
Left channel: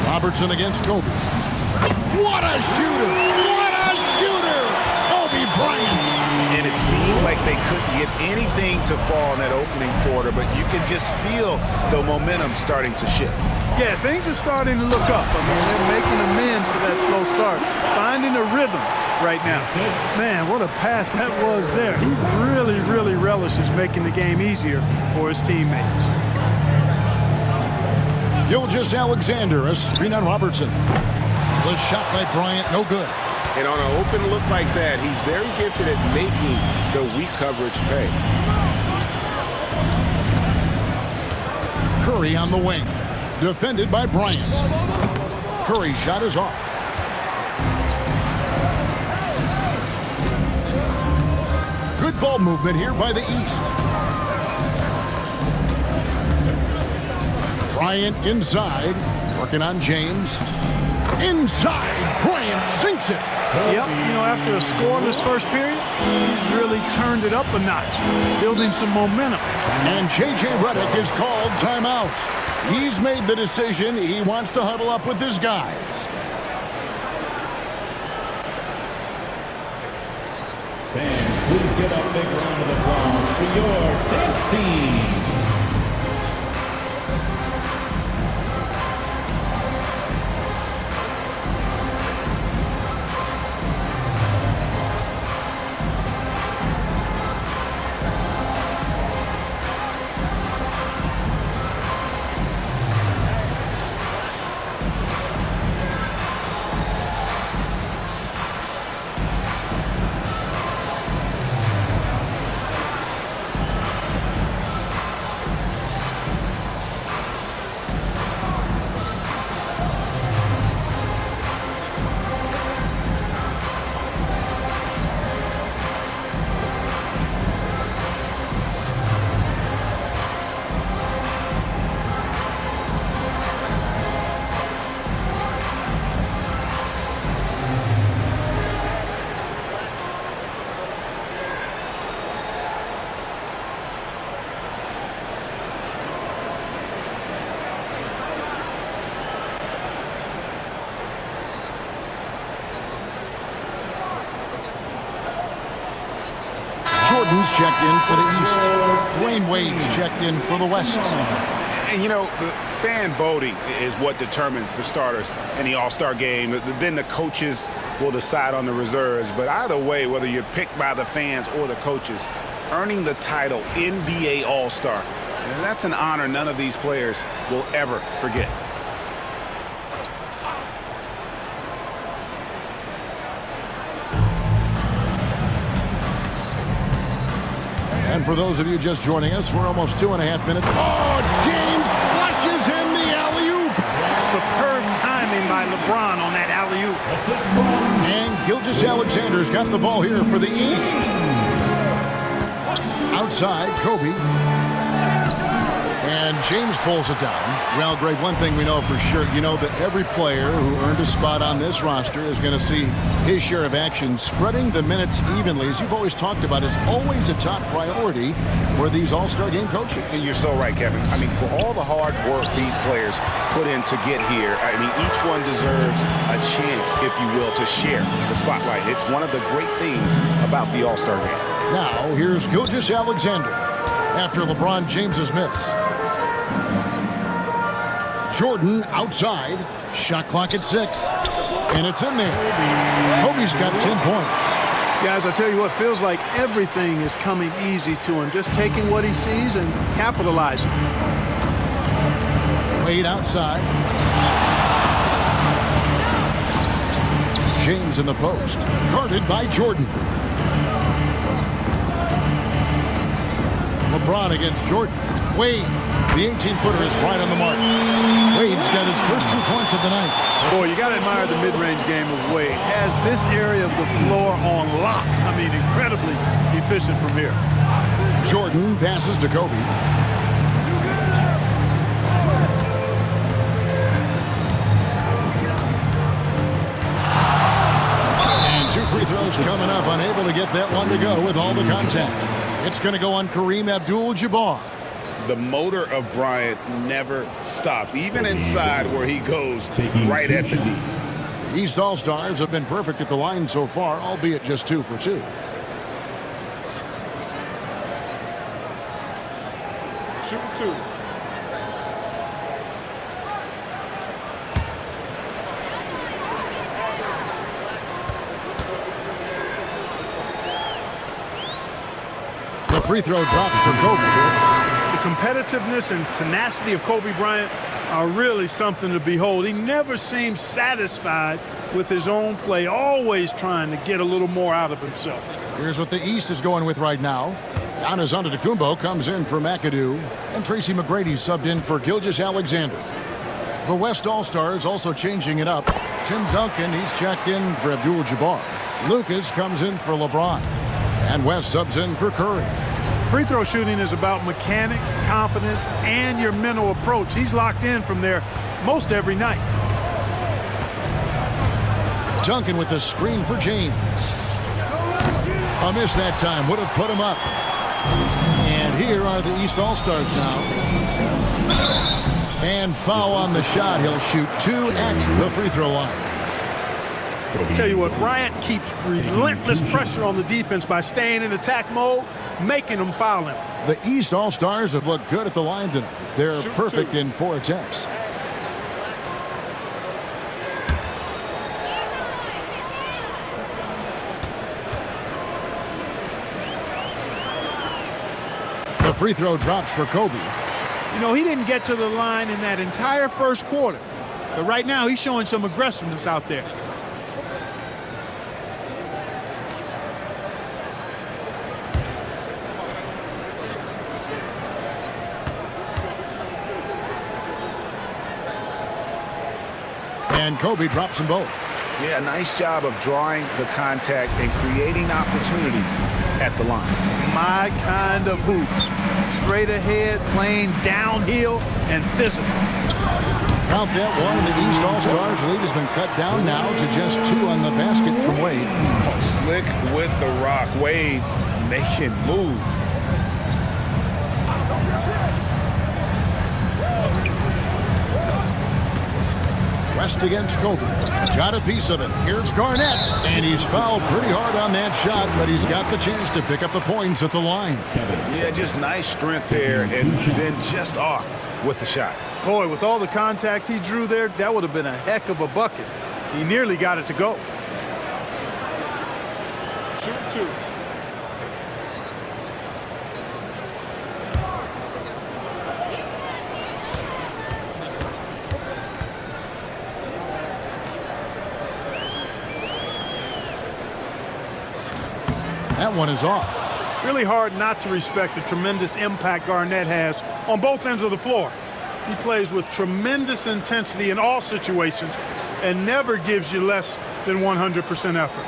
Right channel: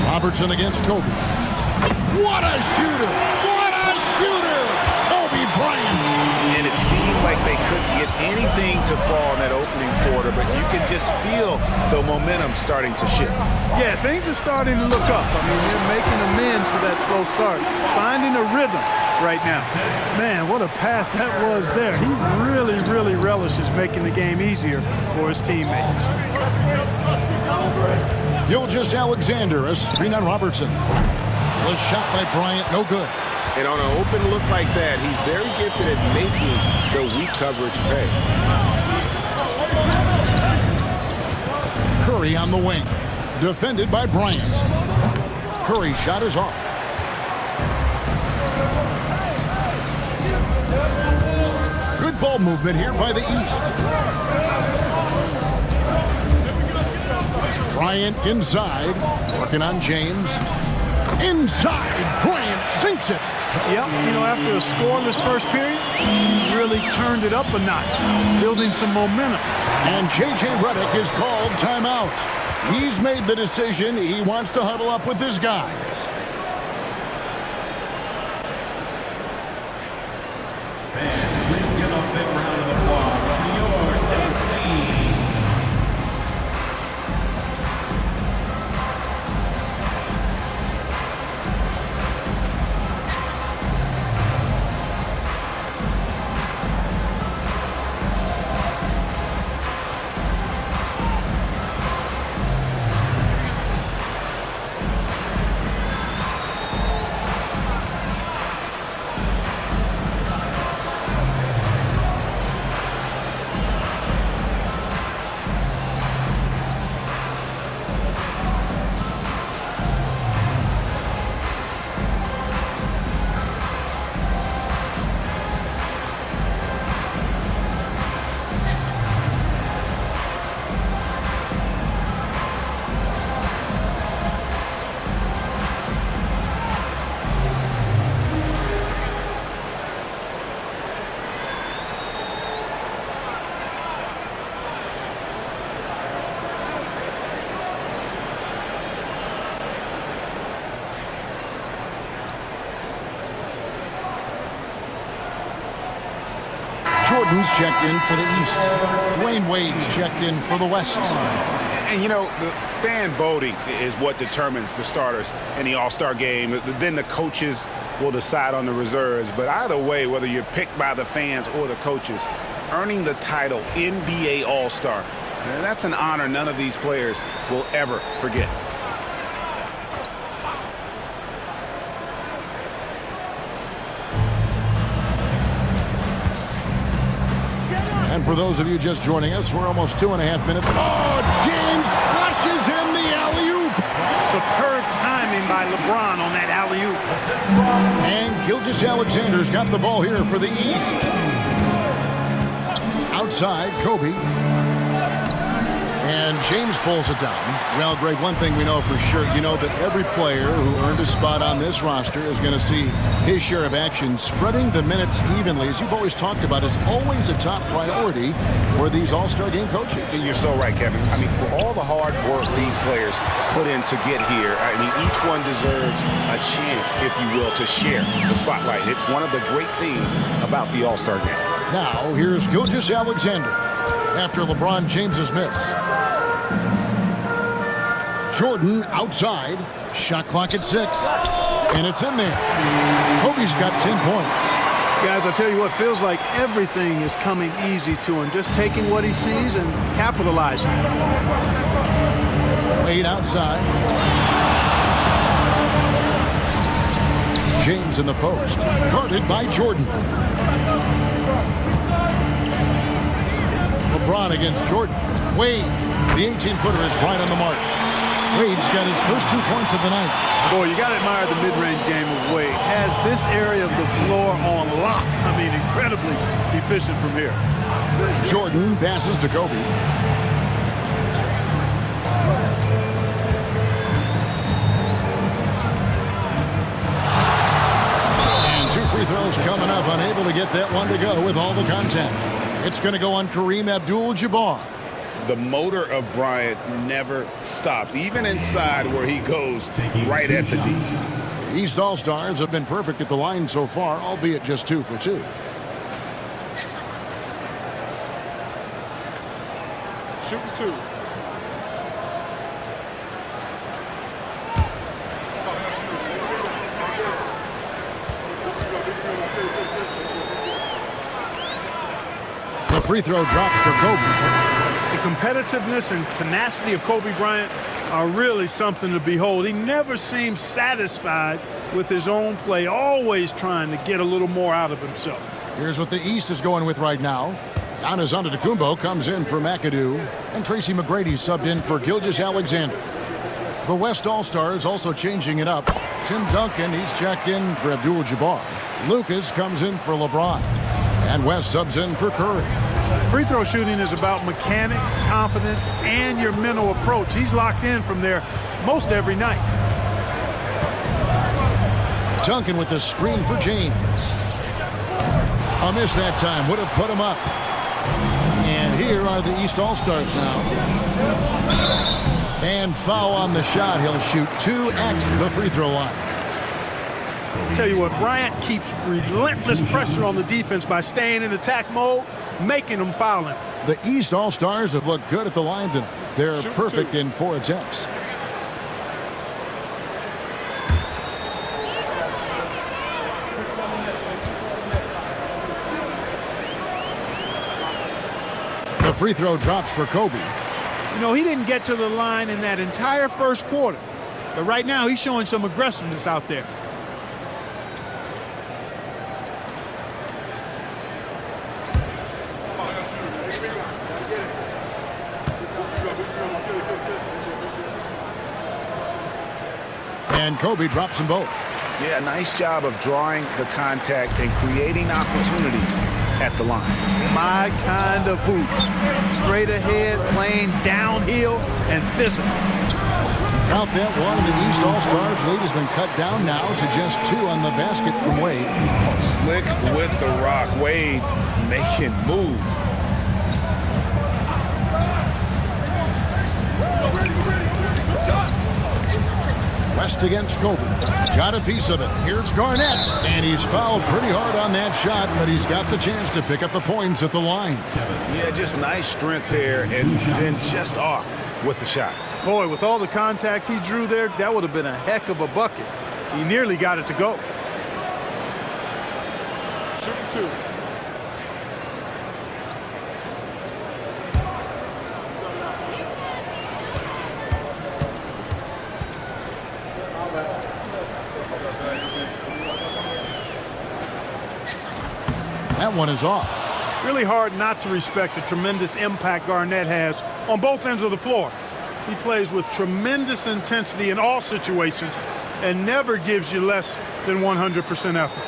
Robertson against Kobe. What a shooter! What a shooter! Kobe Bryant! And it seemed like they couldn't get anything to fall in that opening quarter, but you can just feel the momentum starting to shift. Yeah, things are starting to look up. I mean, they're making amends for that slow start, finding a rhythm right now. Man, what a pass that was there. He really, really relishes making the game easier for his teammates. Gilgeous-Alexander, a screen on Robertson. The shot by Bryant, no good. And on an open look like that, he's very gifted at making the weak coverage pay. Curry on the wing. Defended by Bryant. Curry's shot is off. Good ball movement here by the East. Bryant inside. Working on James. Inside. Bryant sinks it. Yep, you know, after a scoreless first period, he's really turned it up a notch, building some momentum. And J.J. Redick is called timeout. He's made the decision. He wants to huddle up with his guys. Fans, please give a big round of applause for your dance team. Jordan's checked in for the East. Dwayne Wade's checked in for the West. And, you know, the fan voting is what determines the starters in the All-Star game. Then the coaches will decide on the reserves. But either way, whether you're picked by the fans or the coaches, earning the title NBA All-Star, that's an honor none of these players will ever forget. And for those of you just joining us, we're almost 2.5 minutes. Oh, James flushes in the alley-oop. Superb timing by LeBron on that alley-oop. And Gilgeous-Alexander's got the ball here for the East. Outside, Kobe. And James pulls it down. Well, Greg, one thing we know for sure, you know that every player who earned a spot on this roster is going to see his share of action. Spreading the minutes evenly, as you've always talked about, is always a top priority for these All-Star game coaches. And you're so right, Kevin. I mean, for all the hard work these players put in to get here, I mean, each one deserves a chance, if you will, to share the spotlight. It's one of the great things about the All-Star game. Now, here's Gilgeous-Alexander after LeBron James's miss. Jordan outside. Shot clock at 6. And it's in there. Kobe's got 10 points. Guys, I tell you what, feels like everything is coming easy to him. Just taking what he sees and capitalizing. Wade outside. James in the post. Guarded by Jordan. LeBron against Jordan. Wade. The 18-footer is right on the mark. Wade's got his first 2 points of the night. Boy, you got to admire the mid-range game of Wade. Has this area of the floor on lock. I mean, incredibly efficient from here. Jordan passes to Kobe. And 2 free throws coming up. Unable to get that one to go with all the contact. It's going to go on Kareem Abdul-Jabbar. The motor of Bryant never stops, even inside where he goes right at the D. The East All-Stars have been perfect at the line so far, albeit just 2 for 2. Shooting 2. The free throw drops for Kobe. The competitiveness and tenacity of Kobe Bryant are really something to behold. He never seems satisfied with his own play, always trying to get a little more out of himself. Here's what the East is going with right now. Giannis Antetokounmpo comes in for McAdoo, and Tracy McGrady subbed in for Gilgeous-Alexander. The West All-Stars also changing it up. Tim Duncan, he's checked in for Abdul-Jabbar. Lucas comes in for LeBron. And West subs in for Curry. Free throw shooting is about mechanics, confidence, and your mental approach. He's locked in from there most every night. Duncan with the screen for James. A miss that time would have put him up. And here are the East All-Stars now. And foul on the shot. He'll shoot 2 at the free throw line. I'll tell you what, Bryant keeps relentless pressure on the defense by staying in attack mode, making them foul him. The East All-Stars have looked good at the line tonight. They're Shoot perfect 2. in 4 attempts. The free throw drops for Kobe. You know, he didn't get to the line in that entire first quarter. But right now, he's showing some aggressiveness out there. And Kobe drops them both. Yeah, nice job of drawing the contact and creating opportunities at the line. My kind of hoops. Straight ahead, playing downhill, and physical. Count that one, and the East All-Stars lead has been cut down now to just 2 on the basket from Wade. Oh, slick with the rock. Wade making moves. West against Kobe. Got a piece of it. Here's Garnett. And he's fouled pretty hard on that shot, but he's got the chance to pick up the points at the line. Yeah, just nice strength there, and then just off with the shot. Boy, with all the contact he drew there, that would have been a heck of a bucket. He nearly got it to go. Shoot 2. That one is off. Really hard not to respect the tremendous impact Garnett has on both ends of the floor. He plays with tremendous intensity in all situations and never gives you less than 100% effort.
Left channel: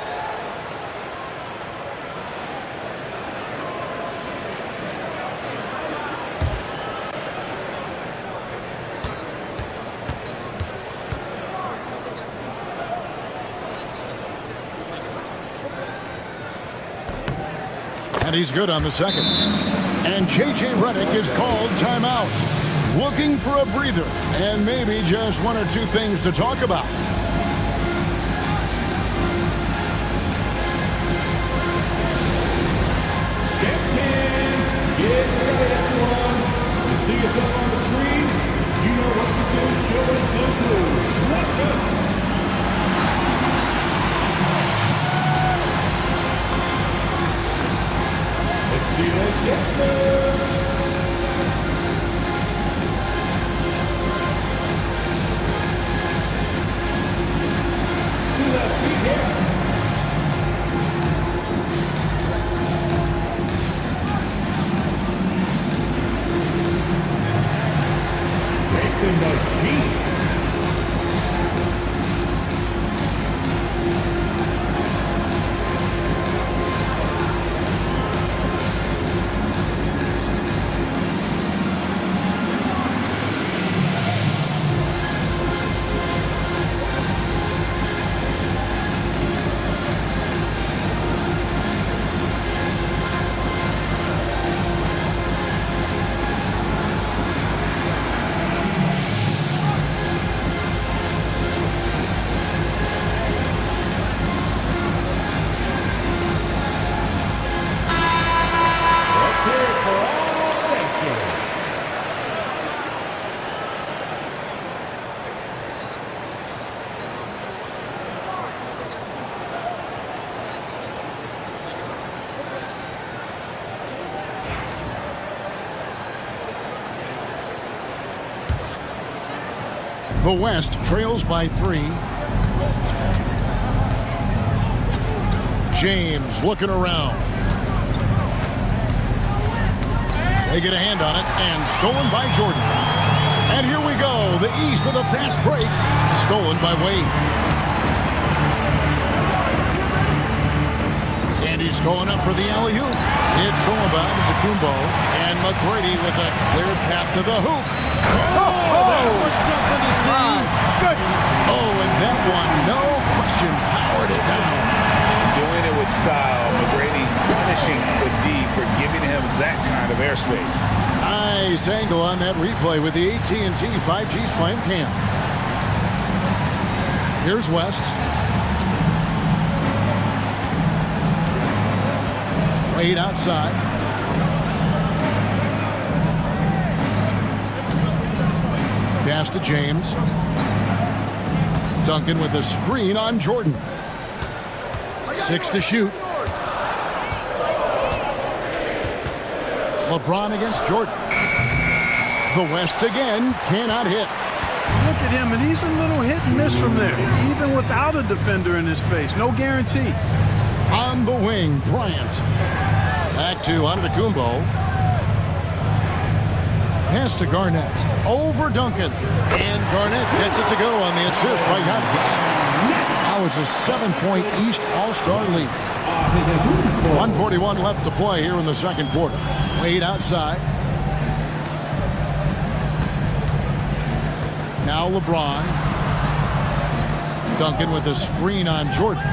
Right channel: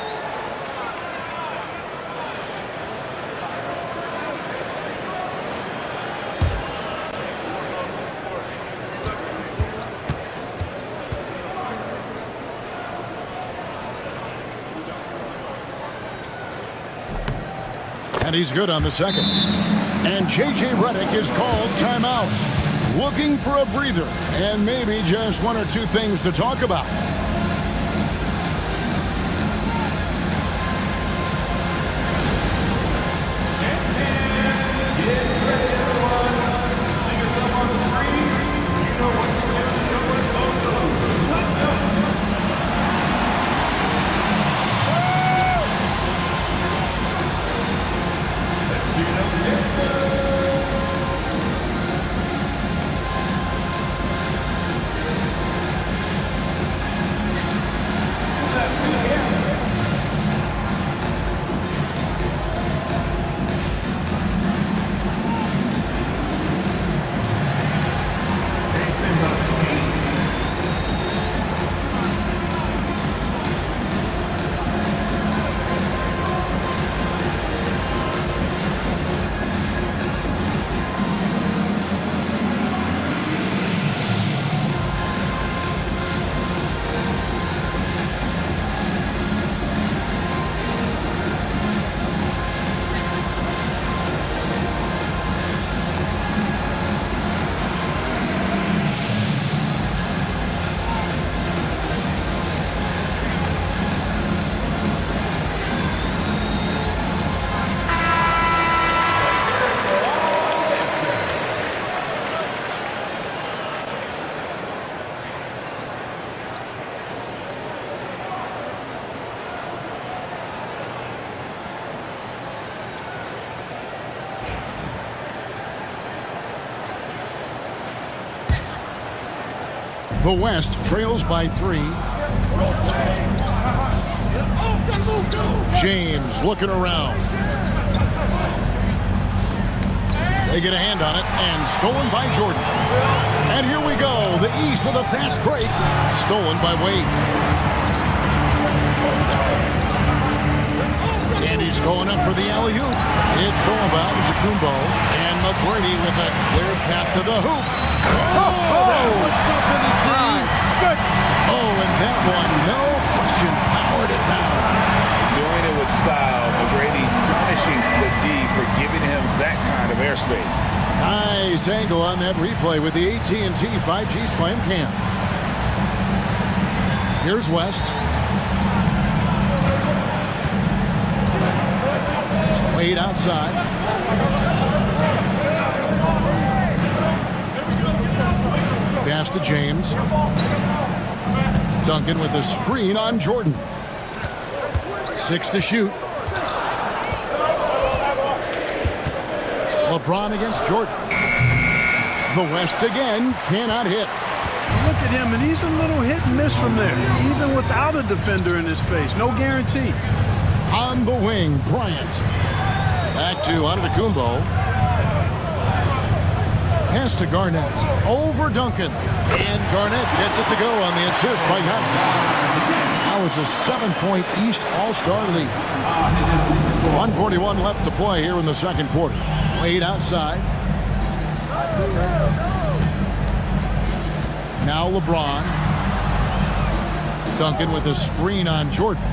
And he's good on the second. And J.J. Redick is called timeout. Looking for a breather and maybe just 1 or 2 things to talk about. The West trails by 3. James looking around. They get a hand on it, and stolen by Jordan. And here we go. The East with a fast break. Stolen by Wade. And he's going up for the alley-oop. It's stolen by Antetokounmpo. And McGrady with a clear path to the hoop. Oh, that was something to see. Good. Oh, and that one, no question, powered it down. Doing it with style. McGrady punishing the D for giving him that kind of airspace. Nice angle on that replay with the AT&T 5G Slam Cam. Here's West. Wade outside. Pass to James. Duncan with a screen on Jordan. 6 to shoot. LeBron against Jordan. The West again cannot hit. Look at him, and he's a little hit and miss from there, even without a defender in his face. No guarantee. On the wing, Bryant. Back to Antetokounmpo. Pass to Garnett. Over Duncan. And Garnett gets it to go on the assist by Giannis. Now it's a 7-point East All-Star lead. 1:41 left to play here in the second quarter. Wade outside. Now LeBron. Duncan with a screen on Jordan.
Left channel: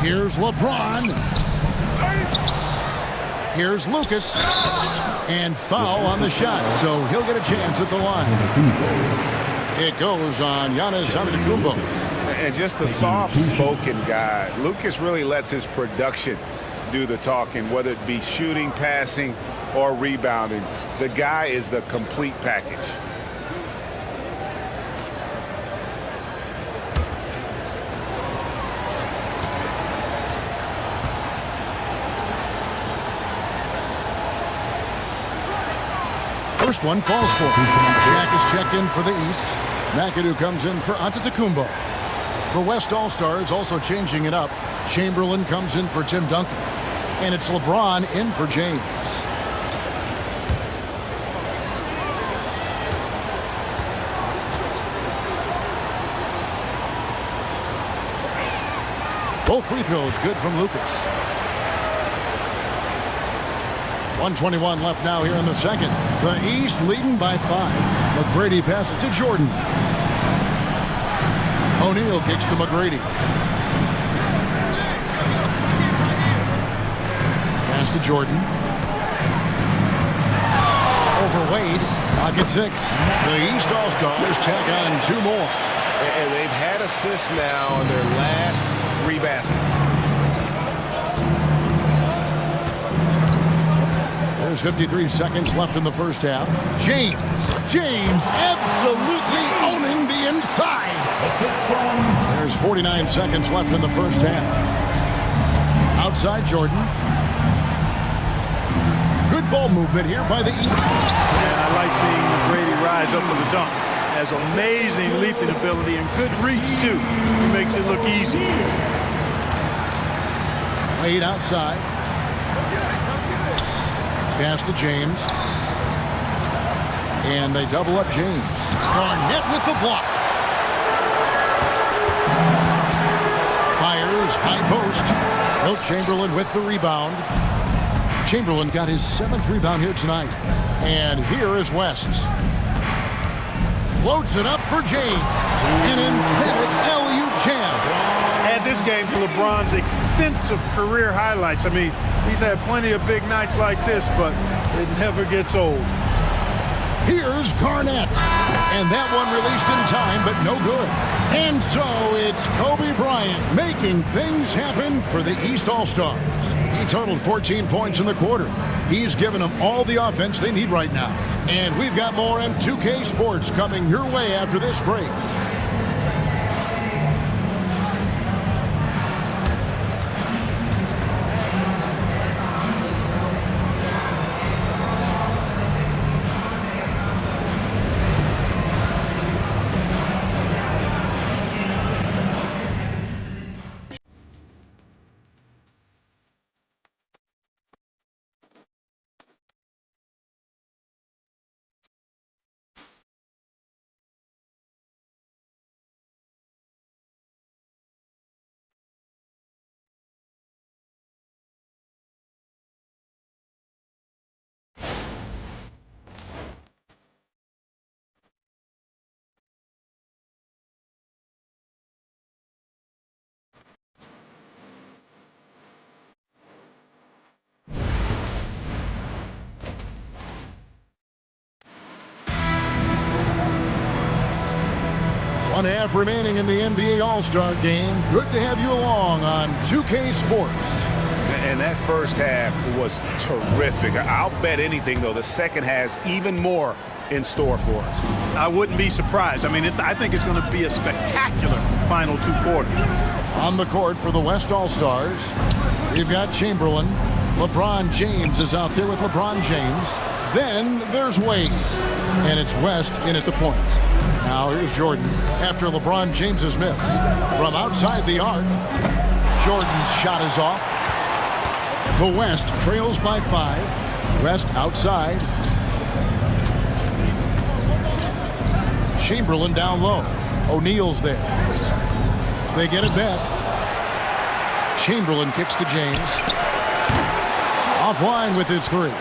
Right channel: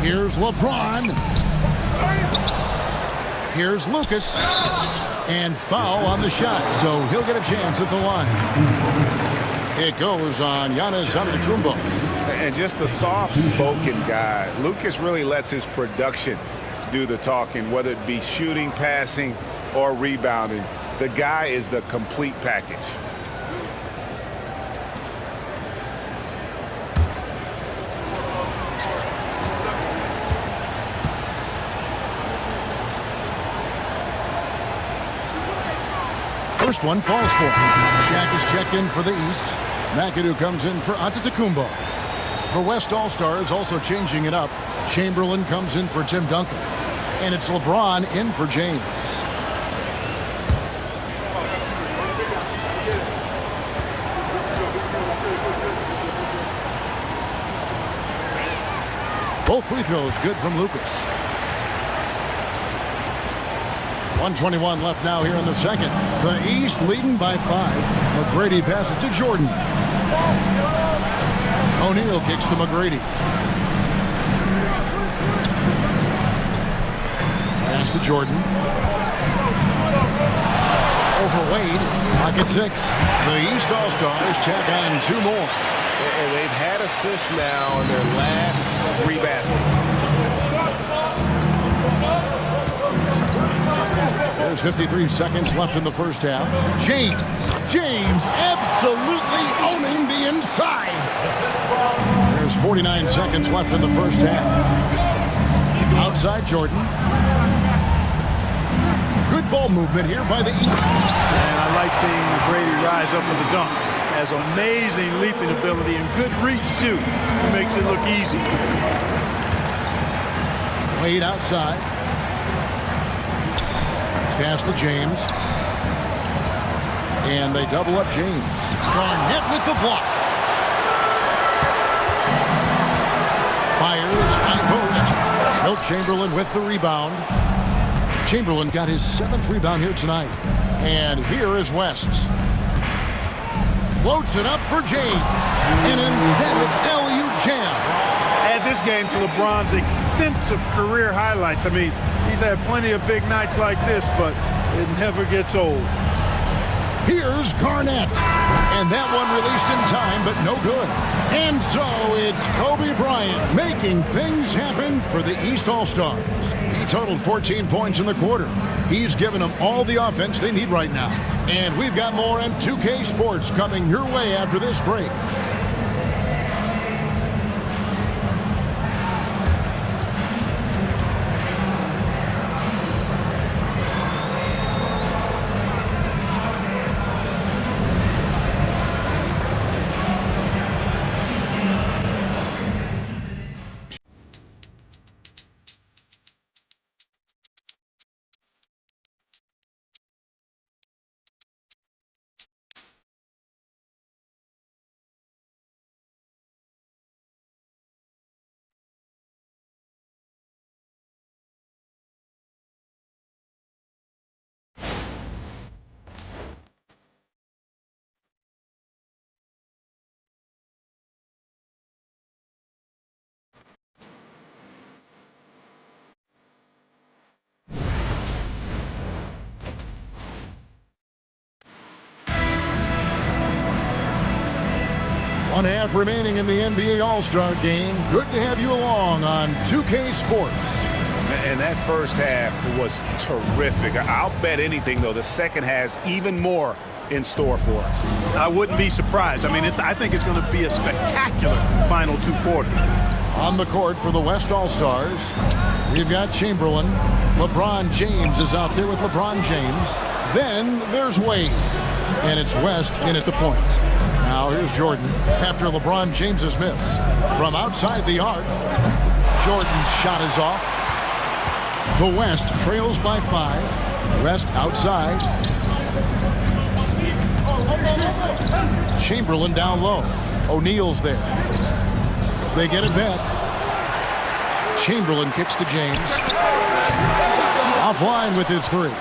Here's LeBron. Here's Lucas. And foul on the shot, so he'll get a chance at the line. It goes on Giannis Antetokounmpo. And just a soft-spoken guy. Lucas really lets his production do the talking, whether it be shooting, passing, or rebounding. The guy is the complete package. First one falls for him. Shaq is checked in for the East. McAdoo comes in for Antetokounmpo. The West All-Stars also changing it up. Chamberlain comes in for Tim Duncan. And it's LeBron in for James. Both free throws good from Lucas. 1:21 left now here in the second. The East leading by 5. McGrady passes to Jordan. O'Neal kicks to McGrady. Pass to Jordan. Over Wade. Pocket 6. The East All-Stars check on 2 more. And they've had assists now in their last 3 baskets. There's 53 seconds left in the first half. James absolutely owning the inside. There's 49 seconds left in the first half. Outside Jordan. Good ball movement here by the East. And I like seeing McGrady rise up for the dunk. Has amazing leaping ability and good reach, too. He makes it look easy. Wade outside. Pass to James. And they double up James. Garnett with the block. Fires, high post. Wilt Chamberlain with the rebound. Chamberlain got his 7th rebound here tonight. And here is West. Floats it up for James. An emphatic alley-oop jam. Add this game to LeBron's extensive career highlights. I mean, he's had plenty of big nights like this, but it never gets old. Here's Garnett. And that one released in time, but no good. And so it's Kobe Bryant making things happen for the East All-Stars. He totaled 14 points in the quarter. He's given them all the offense they need right now. And we've got more on 2K Sports coming your way after this break. 1/2 remaining in the NBA All-Star game. Good to have you along on 2K Sports. And that first half was terrific. I'll bet anything, though, the second has even more in store for us. I wouldn't be surprised. I mean, I think it's going to be a spectacular final 2 quarters. On the court for the West All-Stars, we've got Chamberlain. LeBron James is out there with LeBron James. Then there's Wade. And it's West in at the point. Now here's Jordan after LeBron James's miss. From outside the arc, Jordan's shot is off. The West trails by 5. West outside. Chamberlain down low. O'Neal's there. They get it back. Chamberlain kicks to James. Offline with his 3.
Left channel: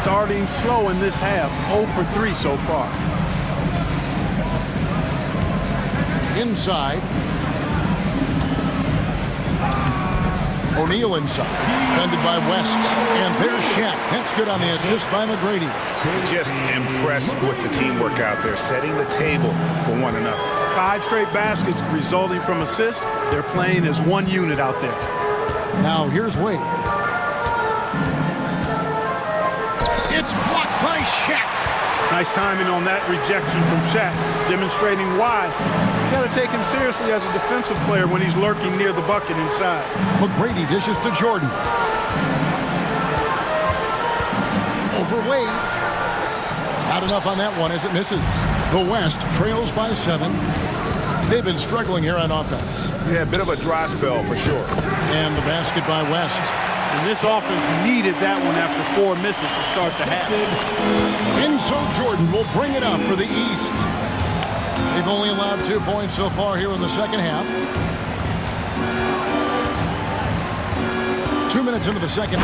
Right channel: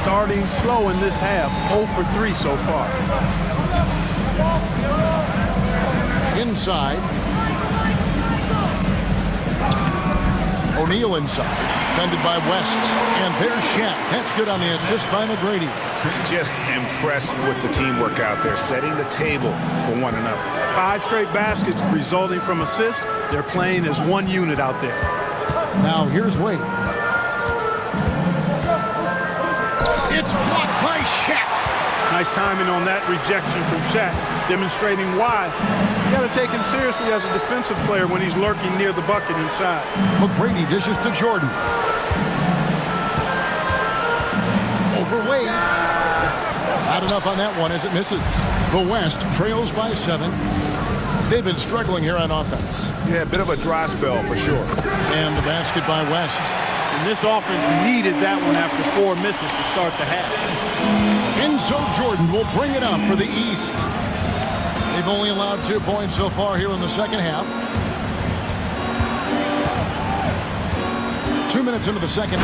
Starting slow in this half. 0 for 3 so far. Inside. O'Neal inside. Defended by West. And there's Shaq. That's good on the assist by McGrady. Just impressed with the teamwork out there, setting the table for one another. 5 straight baskets resulting from assists. They're playing as one unit out there. Now here's Wade. It's blocked by Shaq. Nice timing on that rejection from Shaq, demonstrating why you got to take him seriously as a defensive player when he's lurking near the bucket inside. McGrady dishes to Jordan. Over Wade. Not enough on that one as it misses. The West trails by 7. They've been struggling here on offense. Yeah, a bit of a dry spell for sure. And the basket by West. And this offense needed that one after 4 misses to start the half. Enzo Jordan will bring it up for the East. They've only allowed 2 points so far here in the second half. 2 minutes into the second.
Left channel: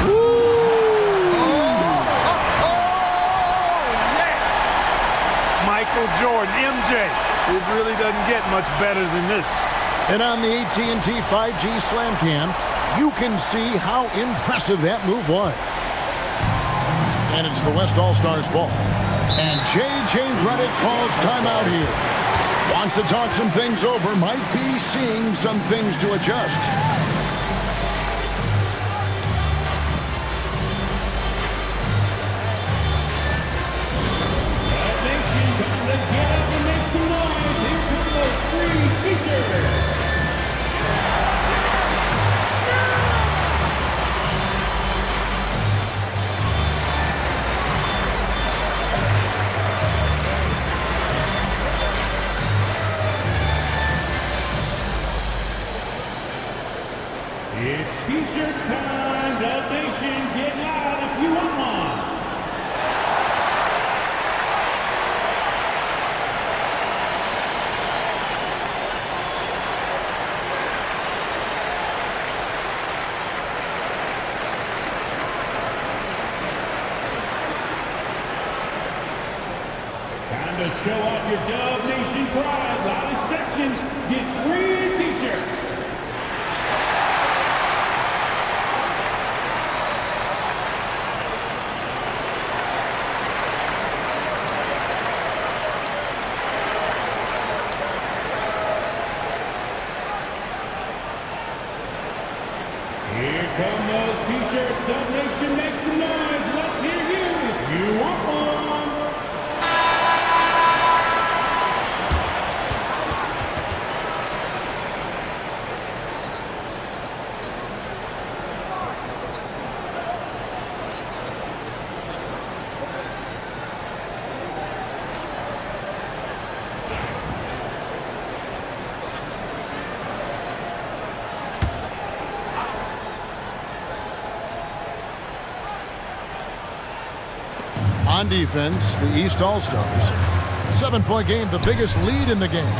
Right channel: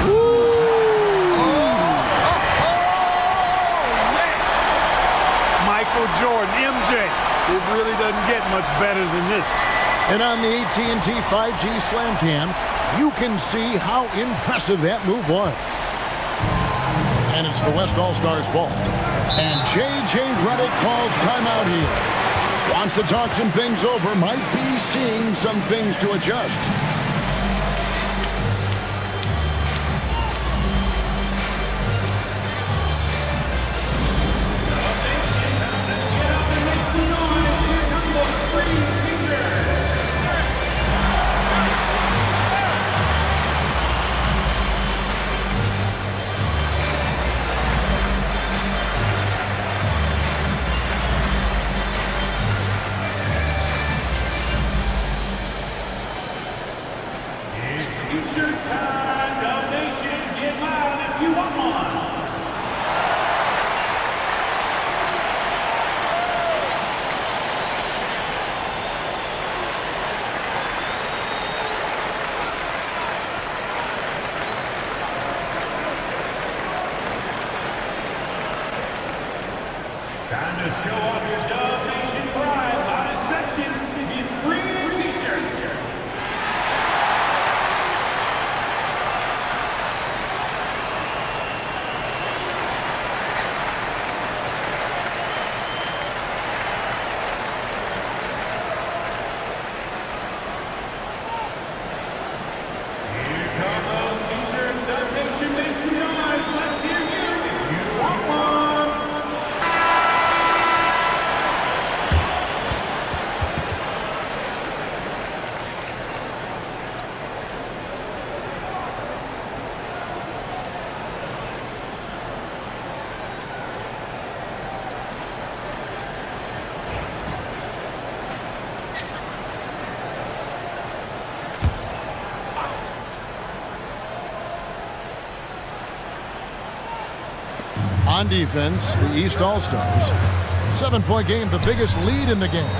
Michael Jordan, MJ. It really doesn't get much better than this. And on the AT&T 5G Slam Cam, you can see how impressive that move was. And it's the West All-Stars ball. And J.J. Redick calls timeout here. Wants to talk some things over, might be seeing some things to adjust. It's T-shirt time. Dub Nation, get loud if you want one. Time to show off your Dub Nation pride. Loudest section gets free T-shirts. Here come those T-shirts. Dub Nation, make some noise. Let's hear you if you want one. On defense, the East All-Stars. 7-point game, the biggest lead in the game.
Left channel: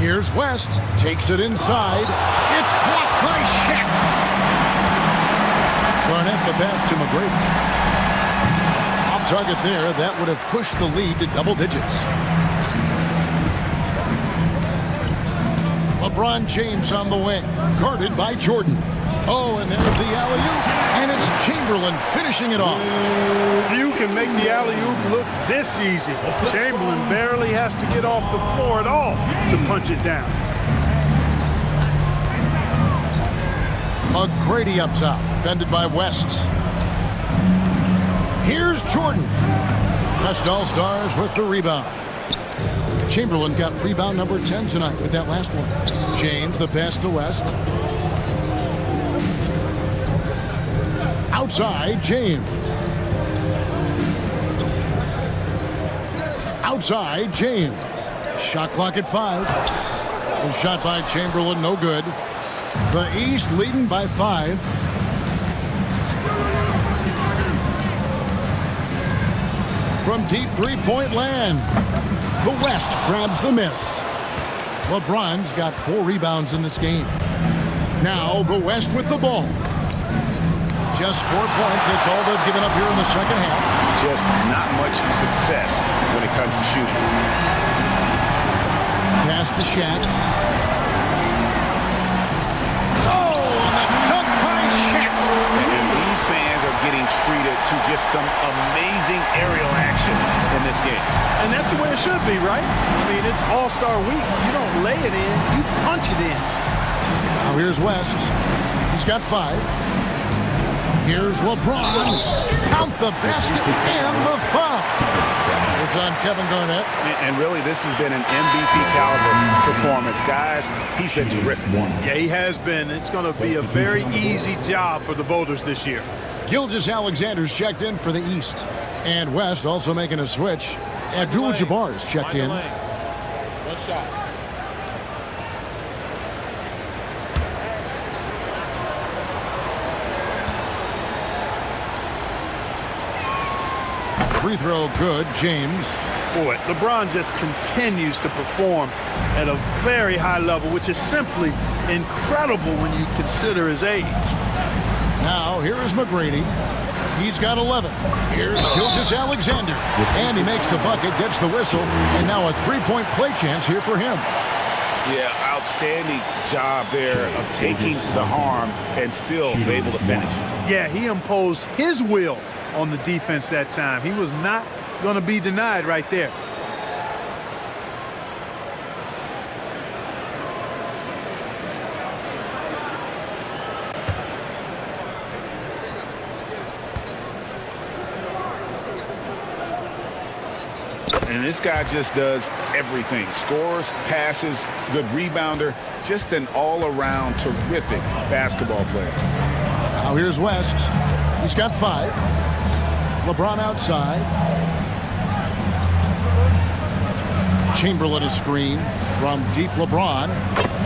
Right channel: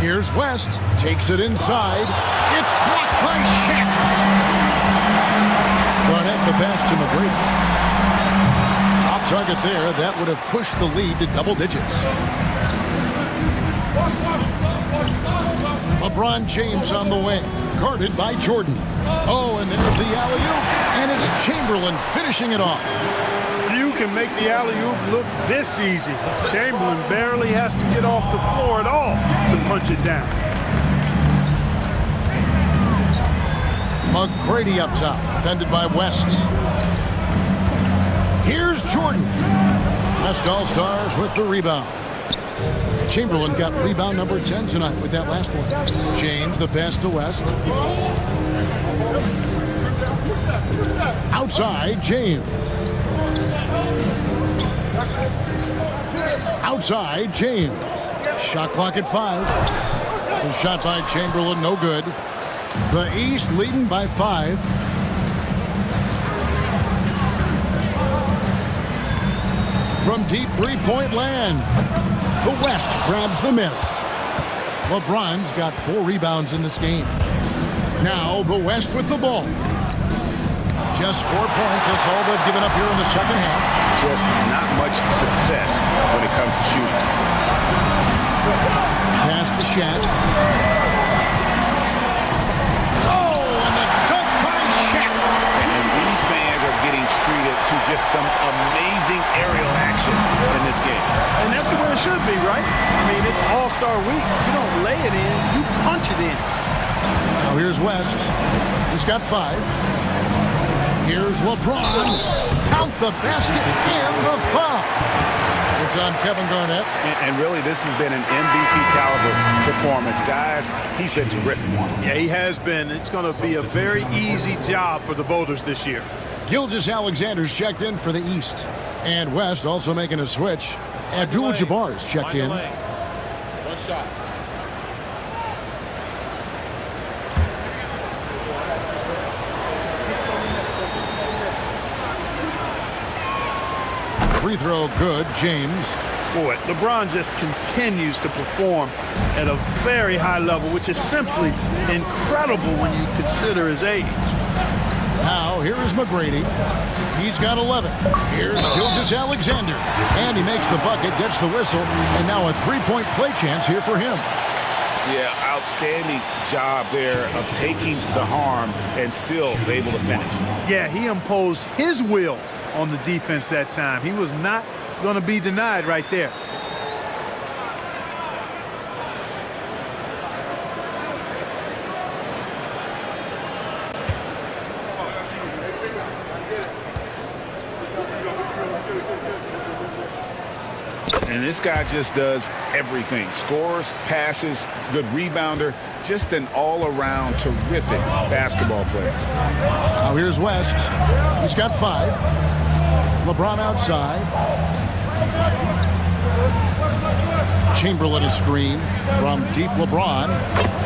Here's West, takes it inside. It's blocked by Shaq. Garnett the pass to McGrady. Off target there, that would have pushed the lead to double digits. LeBron James on the wing, guarded by Jordan. Oh, and there's the alley-oop, and it's Chamberlain finishing it off. Few can make the alley-oop look this easy. Chamberlain barely has to get off the floor at all to punch it down. McGrady up top, defended by West. Here's Jordan. West All-Stars with the rebound. Chamberlain got rebound number 10 tonight with that last one. James, the pass to West. Outside, James. Outside, James. Shot clock at 5. The shot by Chamberlain, no good. The East leading by 5. From deep three-point land, the West grabs the miss. LeBron's got 4 rebounds in this game. Now the West with the ball. Just 4 points. That's all they've given up here in the second half. Just not much success when it comes to shooting. Pass to Shaq. Oh, and the dunk by Shaq. And these fans are getting treated to just some amazing aerial action in this game. And that's the way it should be, right? I mean, it's All-Star week. You don't lay it in, you punch it in. Now here's West. He's got 5. Here's LeBron. Count the basket and the foul. It's on Kevin Garnett. And really, this has been an MVP caliber performance. Guys, he's been terrific. Yeah, he has been. It's going to be a very easy job for the voters this year. Gilgeous-Alexander's checked in for the East. And West also making a switch. Abdul-Jabbar's checked in. One shot. Free throw good, James. Boy, LeBron just continues to perform at a very high level, which is simply incredible when you consider his age. Now, here is McGrady. He's got 11. Here's Gilgeous-Alexander. And he makes the bucket, gets the whistle, and now a three-point play chance here for him. Yeah, outstanding job there of taking the harm and still able to finish. Yeah, he imposed his will on the defense that time. He was not going to be denied right there. And this guy just does everything. Scores, passes, good rebounder, just an all-around terrific basketball player. Now here's West. He's got 5. LeBron outside. Chamberlain a screen from deep. LeBron.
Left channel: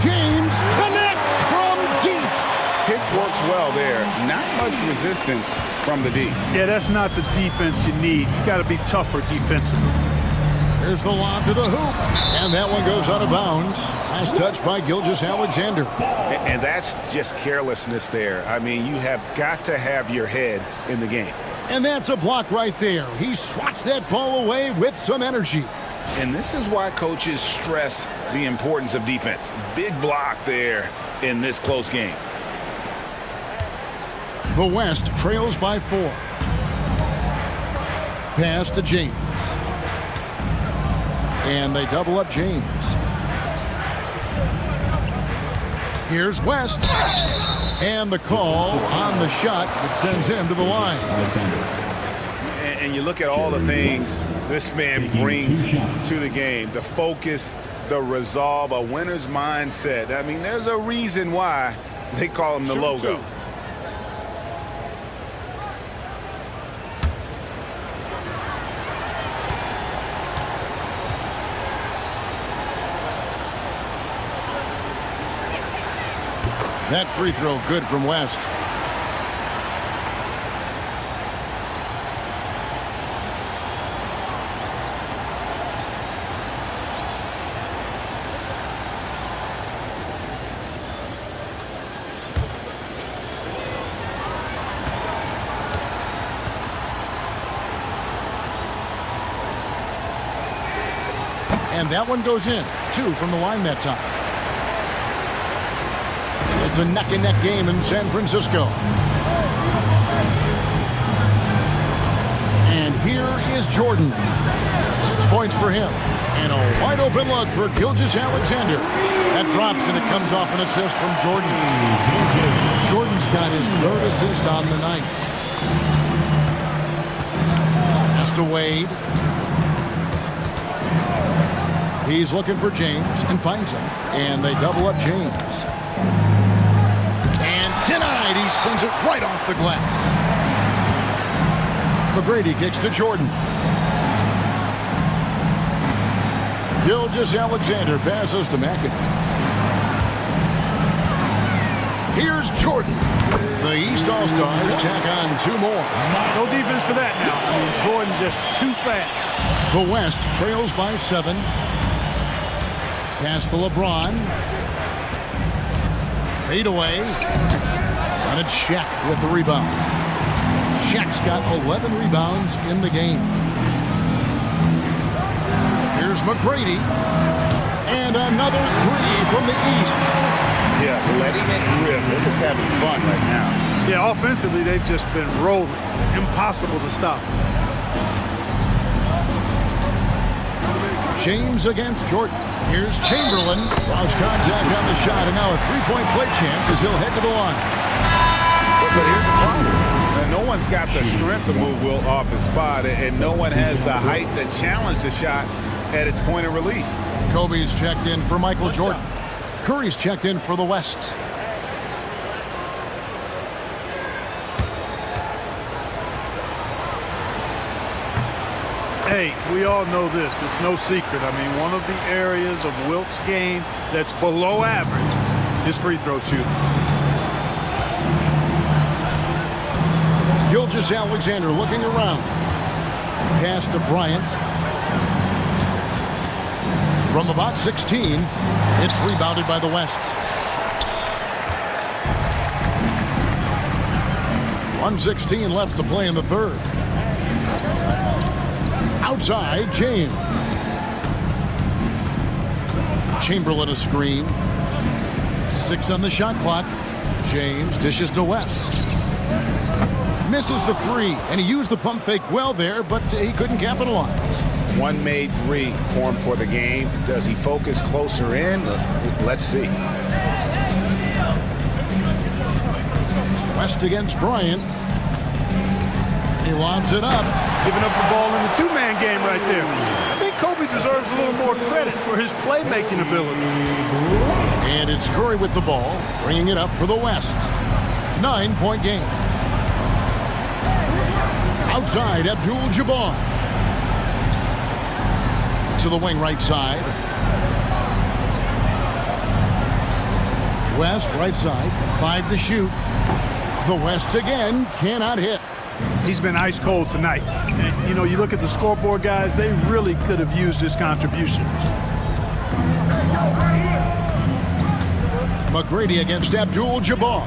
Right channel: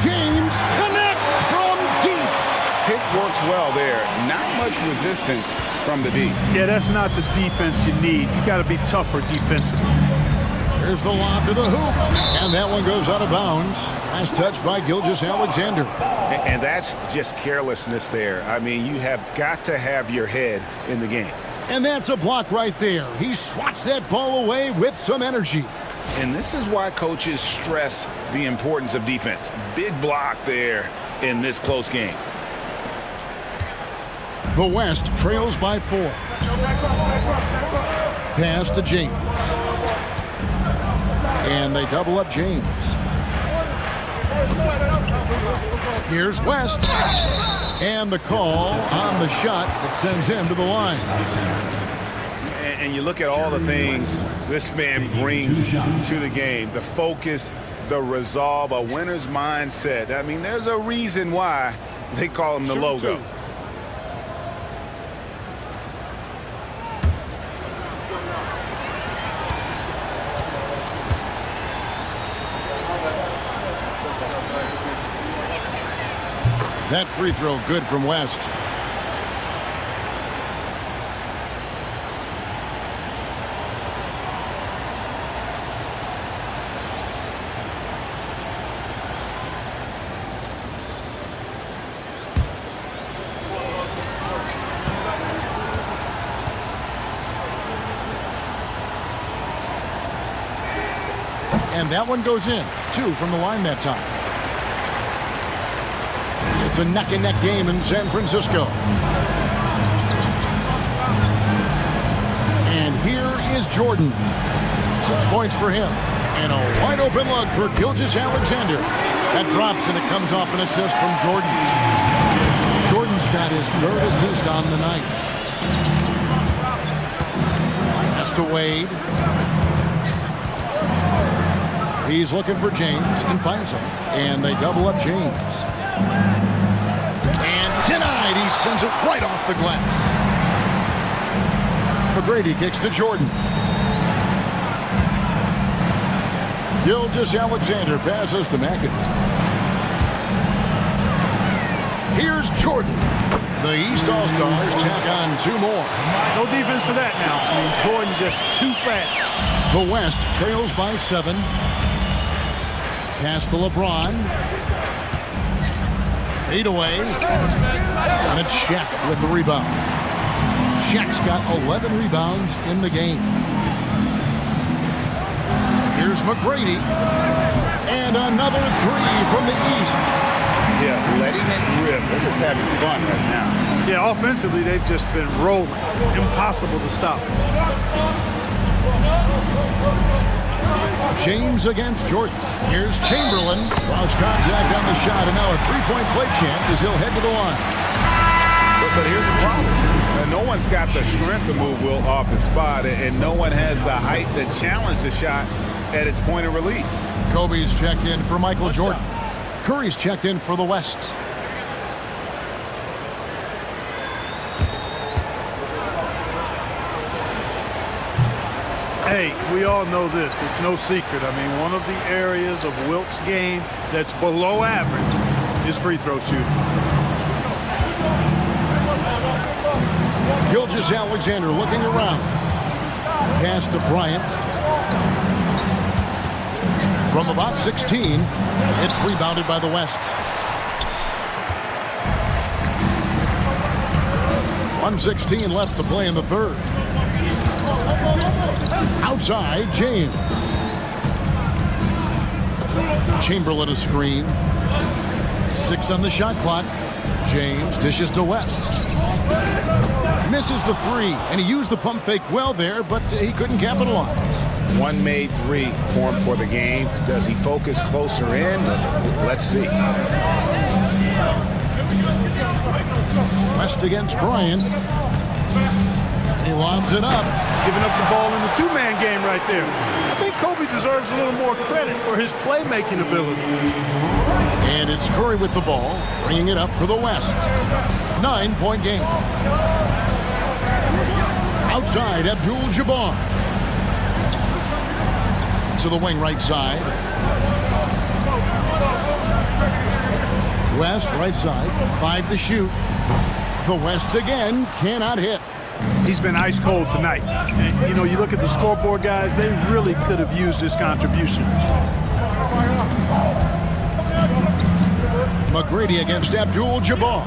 James connects from deep. Pick works well there. Not much resistance from the D. Yeah, that's not the defense you need. You got to be tougher defensively. Here's the lob to the hoop. And that one goes out of bounds. Nice touch by Gilgeous-Alexander. And that's just carelessness there. I mean, you have got to have your head in the game. And that's a block right there. He swats that ball away with some energy. And this is why coaches stress the importance of defense. Big block there in this close game. The West trails by 4. Pass to James. And they double up James. Here's West. And the call on the shot that sends him to the line. And you look at all the things this man brings to the game. The focus, the resolve, a winner's mindset. I mean, there's a reason why they call him the logo. That free throw good from West. And that one goes in. 2 from the line that time. It's a neck-and-neck game in San Francisco. is Jordan. 6 points for him. And a wide open look for Gilgeous-Alexander. That drops, and it comes off an assist from Jordan. Jordan's got his 3rd assist on the night. Pass to Wade. He's looking for James and finds him. And they double up James. And denied. He sends it right off the glass. McGrady kicks to Jordan. Gilgeous-Alexander passes to McAdoo. Here's Jordan. The East All-Stars tack on 2 more. No defense for that now. I mean, Jordan just too fast. The West trails by 7. Pass to LeBron. Fade away. And it's Shaq with the rebound. Shaq's got 11 rebounds in the game. Here's McGrady. And another 3 from the East. Yeah, letting it rip. They're just having fun right now. Yeah, offensively, they've just been rolling. Impossible to stop. James against Jordan. Here's Chamberlain. Draws contact on the shot, and now a 3-point play chance as he'll head to the line. But here's the problem. No one's got the strength to move Wilt off his spot, and no one has the height to challenge the shot at its point of release. Kobe's checked in for Michael Jordan. Curry's checked in for the West. Hey, we all know this. It's no secret. I mean, one of the areas of Wilt's game that's below average is free throw shooting. Gilgeous-Alexander looking around. Pass to Bryant. From about 16, it's rebounded by the West. 1:16 left to play in the 3rd. Outside, James. Chamberlain a screen. 6 on the shot clock. James dishes to West. Misses the 3, and he used the pump fake well there, but he couldn't capitalize. One made 3 for him for the game. Does he focus closer in? Let's see. West against Bryant. He lobs it up. Giving up the ball in the 2-man game right there. I think Kobe deserves a little more credit for his playmaking ability. And it's Curry with the ball, bringing it up for the West. 9-point game. Outside, Abdul-Jabbar. To the wing right side. West right side, 5 to shoot. The West again cannot hit. He's been ice cold tonight. And, you know, you look at the scoreboard, guys, they really could have used his contributions. McGrady against Abdul-Jabbar.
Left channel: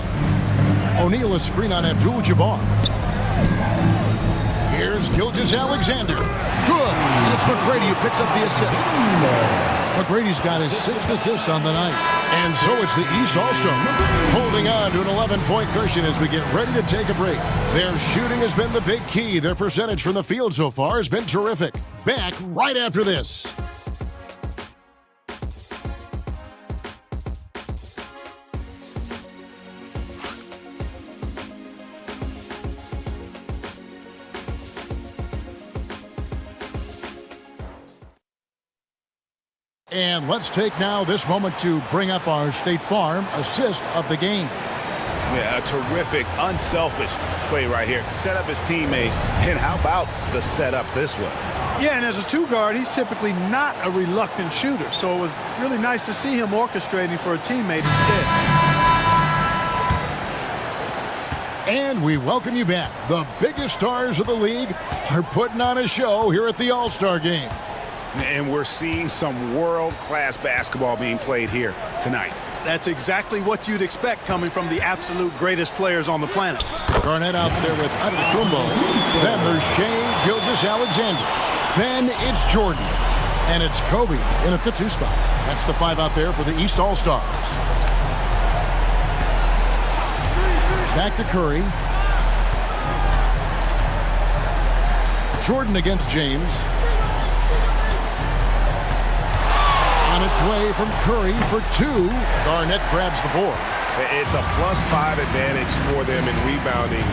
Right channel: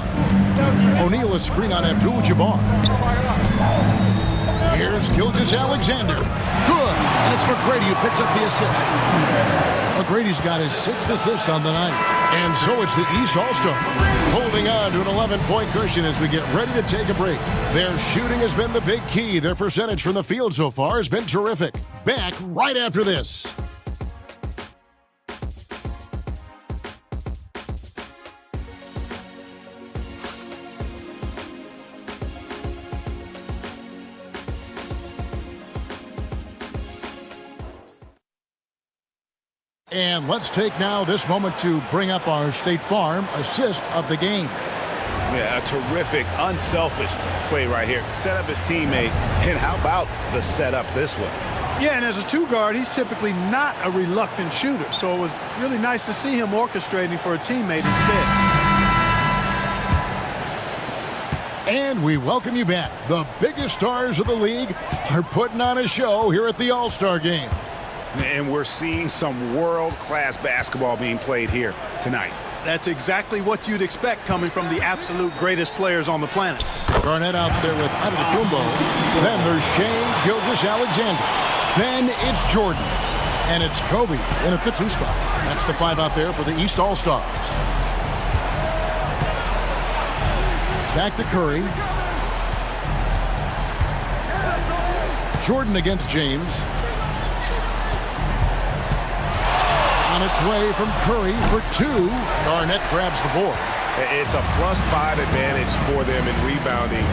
O'Neal a screen on Abdul-Jabbar. Here's Gilgeous-Alexander. Good. And it's McGrady who picks up the assist. McGrady's got his 6th assist on the night. And so it's the East All-Star holding on to an 11-point cushion as we get ready to take a break. Their shooting has been the big key. Their percentage from the field so far has been terrific. Back right after this. And let's take now this moment to bring up our State Farm assist of the game. Yeah, a terrific, unselfish play right here. Set up his teammate, and how about the setup this was? Yeah, and as a 2-guard, he's typically not a reluctant shooter, so it was really nice to see him orchestrating for a teammate instead. And we welcome you back. The biggest stars of the league are putting on a show here at the All-Star Game. And we're seeing some world-class basketball being played here tonight. That's exactly what you'd expect coming from the absolute greatest players on the planet. Garnett out there with Antetokounmpo. Then there's Shai Gilgeous-Alexander. Then it's Jordan. And it's Kobe in at the 2 spot. That's the 5 out there for the East All-Stars. Back to Curry. Jordan against James. On its way from Curry for 2. Garnett grabs the board. It's a +5 advantage for them in rebounding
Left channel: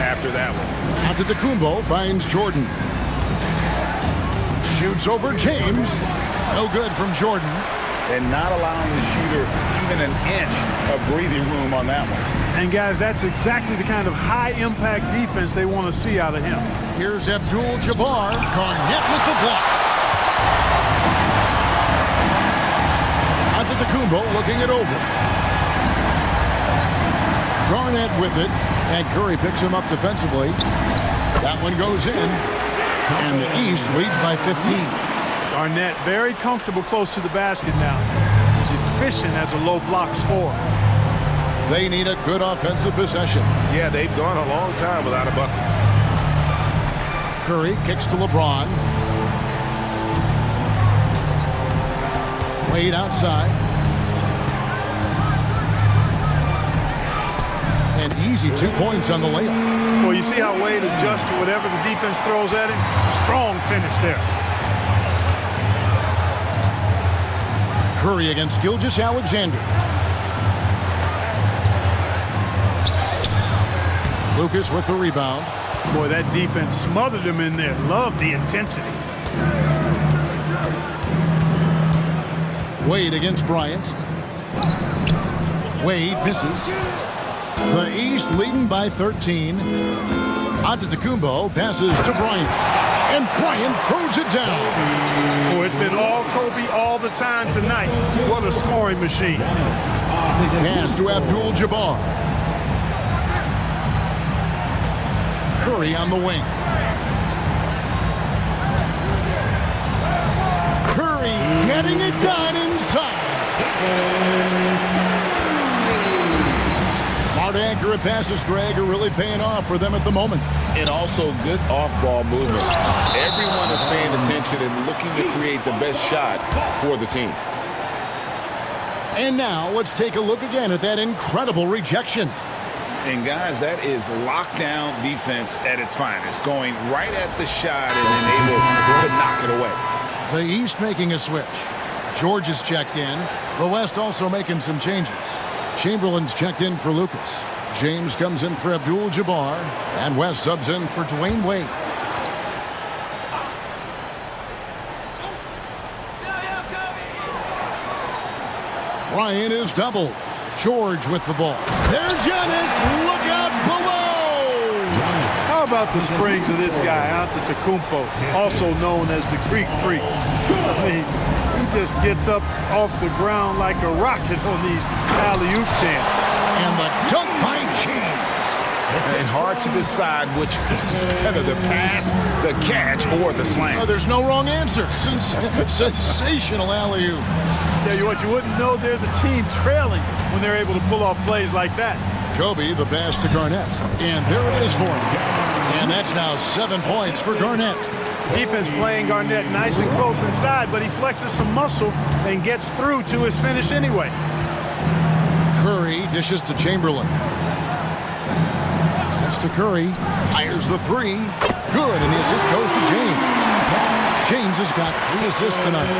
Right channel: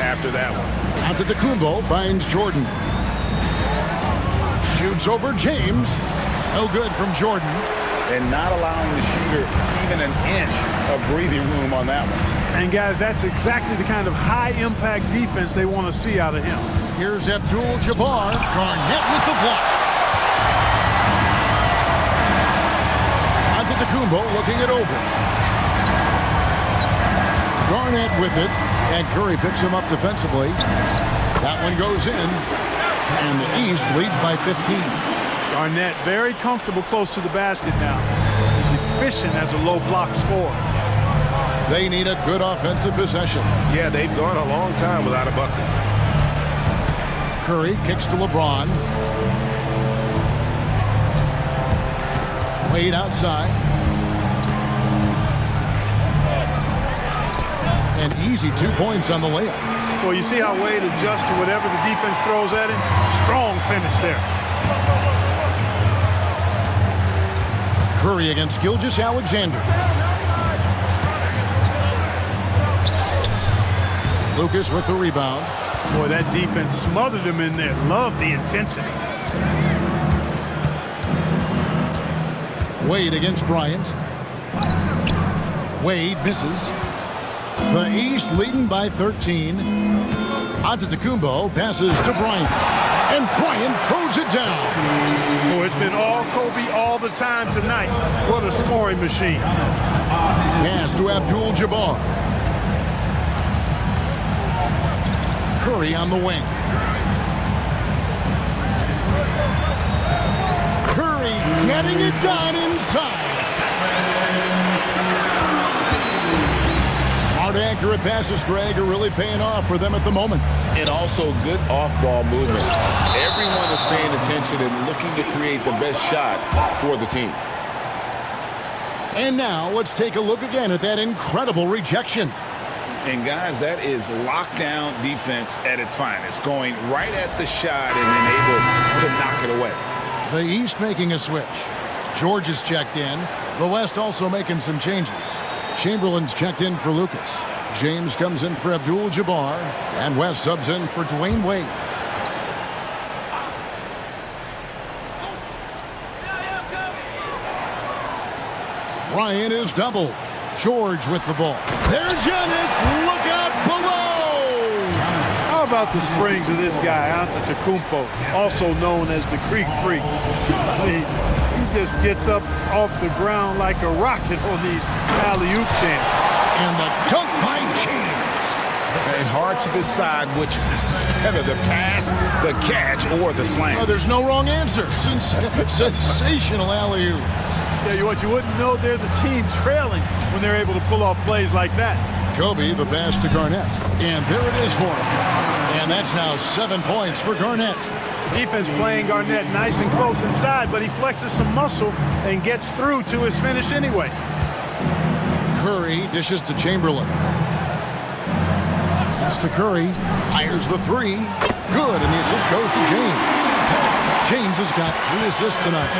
after that one. Antetokounmpo finds Jordan. Shoots over James. No good from Jordan. And not allowing the shooter even an inch of breathing room on that one. And, guys, that's exactly the kind of high-impact defense they want to see out of him. Here's Abdul-Jabbar. Garnett with the block. Antetokounmpo looking it over. Garnett with it, and Curry picks him up defensively. That one goes in, and the East leads by 15. Garnett very comfortable close to the basket now. He's efficient as a low block scorer. They need a good offensive possession. Yeah, they've gone a long time without a bucket. Curry kicks to LeBron. Wade outside. An easy 2 points on the layup. Well, you see how Wade adjusts to whatever the defense throws at him? Strong finish there. Curry against Gilgeous-Alexander. Lucas with the rebound. Boy, that defense smothered him in there. Love the intensity. Wade against Bryant. Wade misses. The East leading by 13. Antetokounmpo passes to Bryant. And Bryant throws it down. Boy, it's been all Kobe all the time tonight. What a scoring machine. Pass to Abdul-Jabbar. Curry on the wing. Curry getting it done inside. Smart, accurate passes, Greg, are really paying off for them at the moment. And also good off-ball movement. Everyone is paying attention and looking to create the best shot for the team. And now let's take a look again at that incredible rejection. And, guys, that is lockdown defense at its finest, going right at the shot and then able to knock it away. The East making a switch. George is checked in. The West also making some changes. Chamberlain's checked in for Lucas. James comes in for Abdul-Jabbar. And West subs in for Dwayne Wade. Ryan is doubled. George with the ball. There's Giannis. Look out below. How about the springs of this guy, Antetokounmpo, also known as the Greek Freak? I mean, he just gets up off the ground like a rocket on these alley-oop chances. And the dunk by James. And hard to decide which was better, the pass, the catch, or the slam. Oh, there's no wrong answer. Sensational alley-oop. Tell you what, you wouldn't know they're the team trailing when they're able to pull off plays like that. Kobe, the pass to Garnett. And there it is for him. And that's now 7 points for Garnett. Defense playing Garnett nice and close inside, but he flexes some muscle and gets through to his finish anyway. Curry dishes to Chamberlain. Pass to Curry. Fires the three. Good, and the assist goes to James. James has got 3 assists tonight.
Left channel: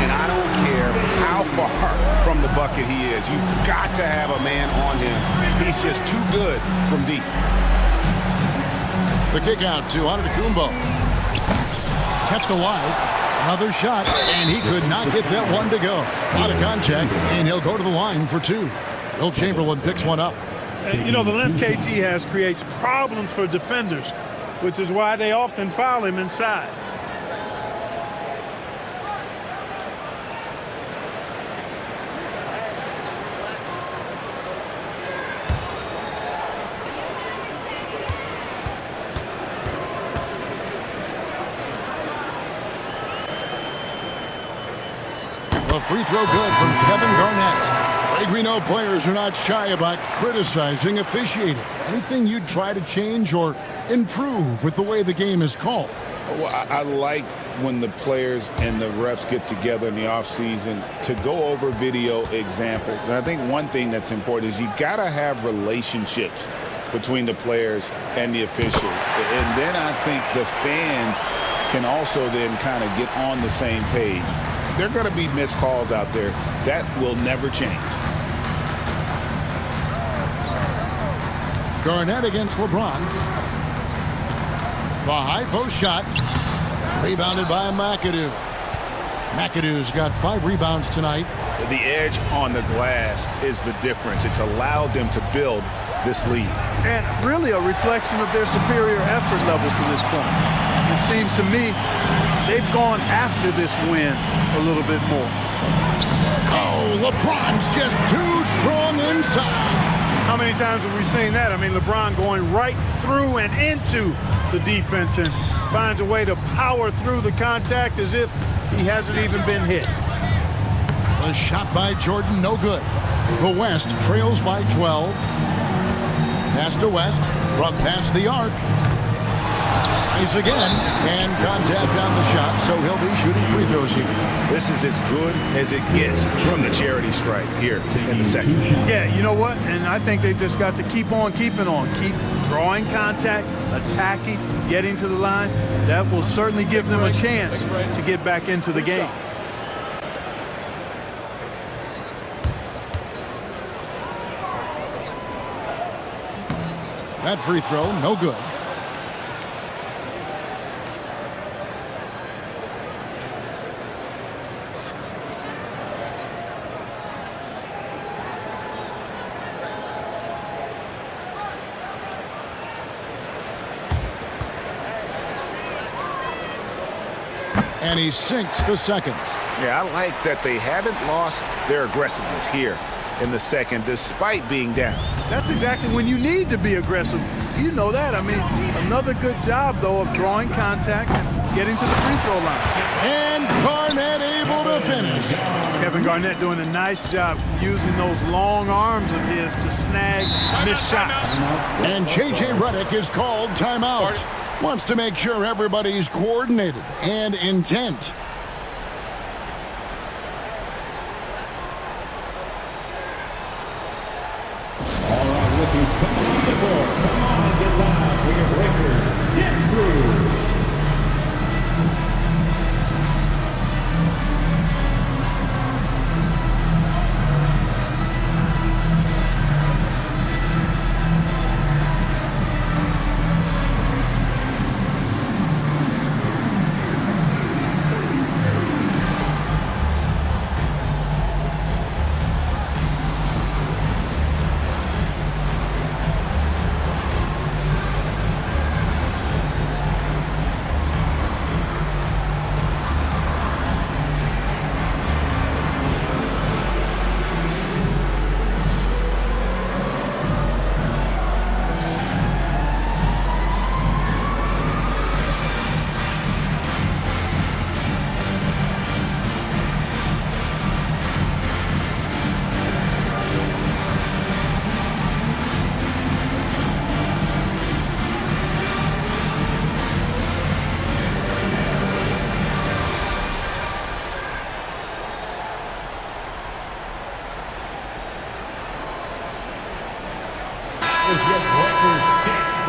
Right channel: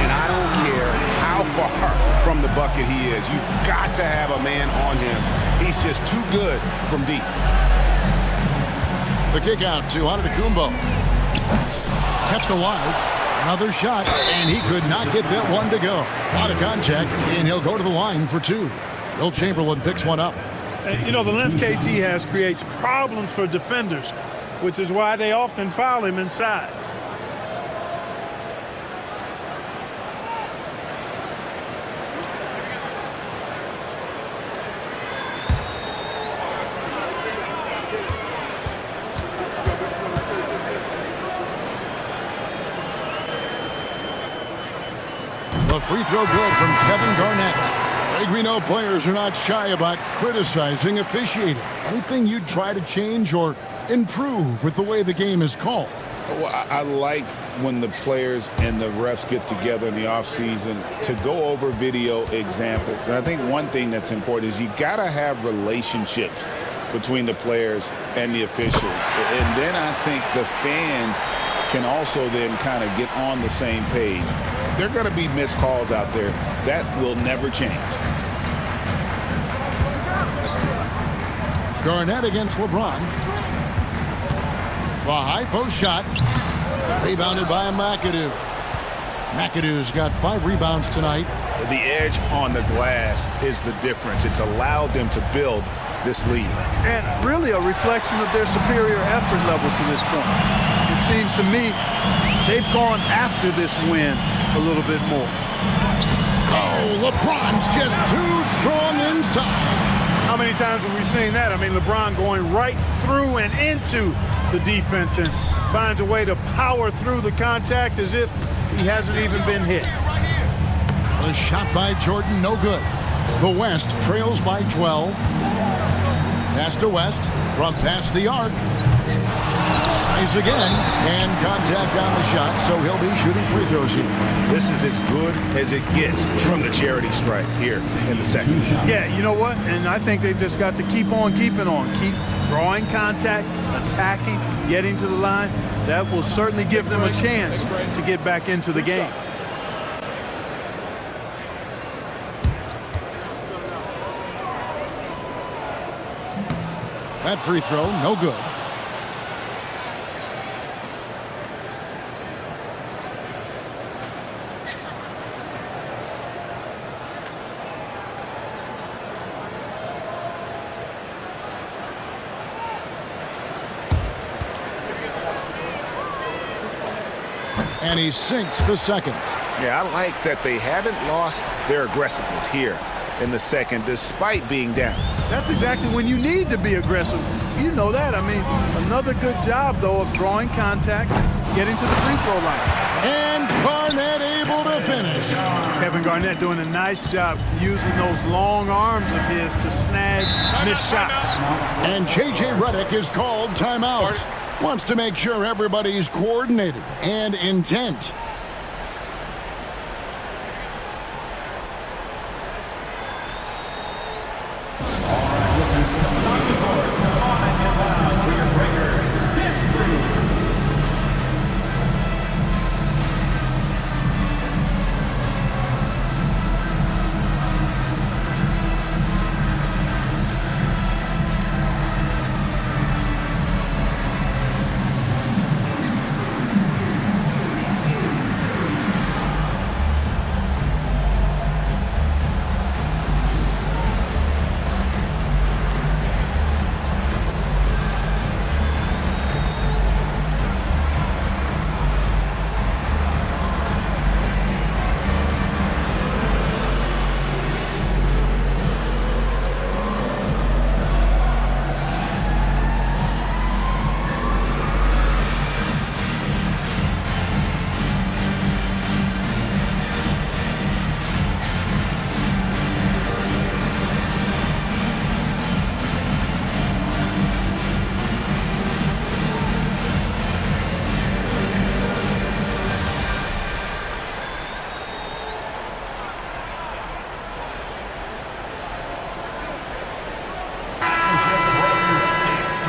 And I don't care how far from the bucket he is. You've got to have a man on him. He's just too good from deep. The kick out to Antetokounmpo. Kept alive. Another shot, and he could not get that one to go. Out of contact, and he'll go to the line for 2. Will Chamberlain picks one up. You know, the length KG has creates problems for defenders, which is why they often foul him inside. The free throw good from Kevin Garnett. Greg, we know players are not shy about criticizing officiating. Anything you'd try to change or improve with the way the game is called? Well, I like when the players and the refs get together in the offseason to go over video examples. And I think one thing that's important is you got to have relationships between the players and the officials. And then I think the fans can also then kind of get on the same page. There are going to be missed calls out there. That will never change. Garnett against LeBron. The high post shot. Rebounded by McAdoo. McAdoo's got 5 rebounds tonight. The edge on the glass is the difference. It's allowed them to build this lead. And really a reflection of their superior effort level to this point. It seems to me they've gone after this win a little bit more. Oh, LeBron's just too strong inside. How many times have we seen that? I mean, LeBron going right through and into the defense and finds a way to power through the contact as if he hasn't even been hit. A shot by Jordan, no good. The West trails by 12. Pass to West from past the arc. Tries again, and contact on the shot, so he'll be shooting free throws here. This is as good as it gets from the charity stripe here in the second. Yeah, you know what? And I think they've just got to keep on keeping on. Keep drawing contact, attacking, getting to the line. That will certainly give them a chance to get back into the game. That free throw, no good. And he sinks the second. Yeah, I like that they haven't lost their aggressiveness here in the second, despite being down. That's exactly when you need to be aggressive. You know that. I mean, another good job, though, of drawing contact and getting to the free throw line. And Garnett able to finish. Kevin Garnett doing a nice job using those long arms of his to snag missed shots. And J.J. Redick is called timeout. Wants to make sure everybody's coordinated and intent.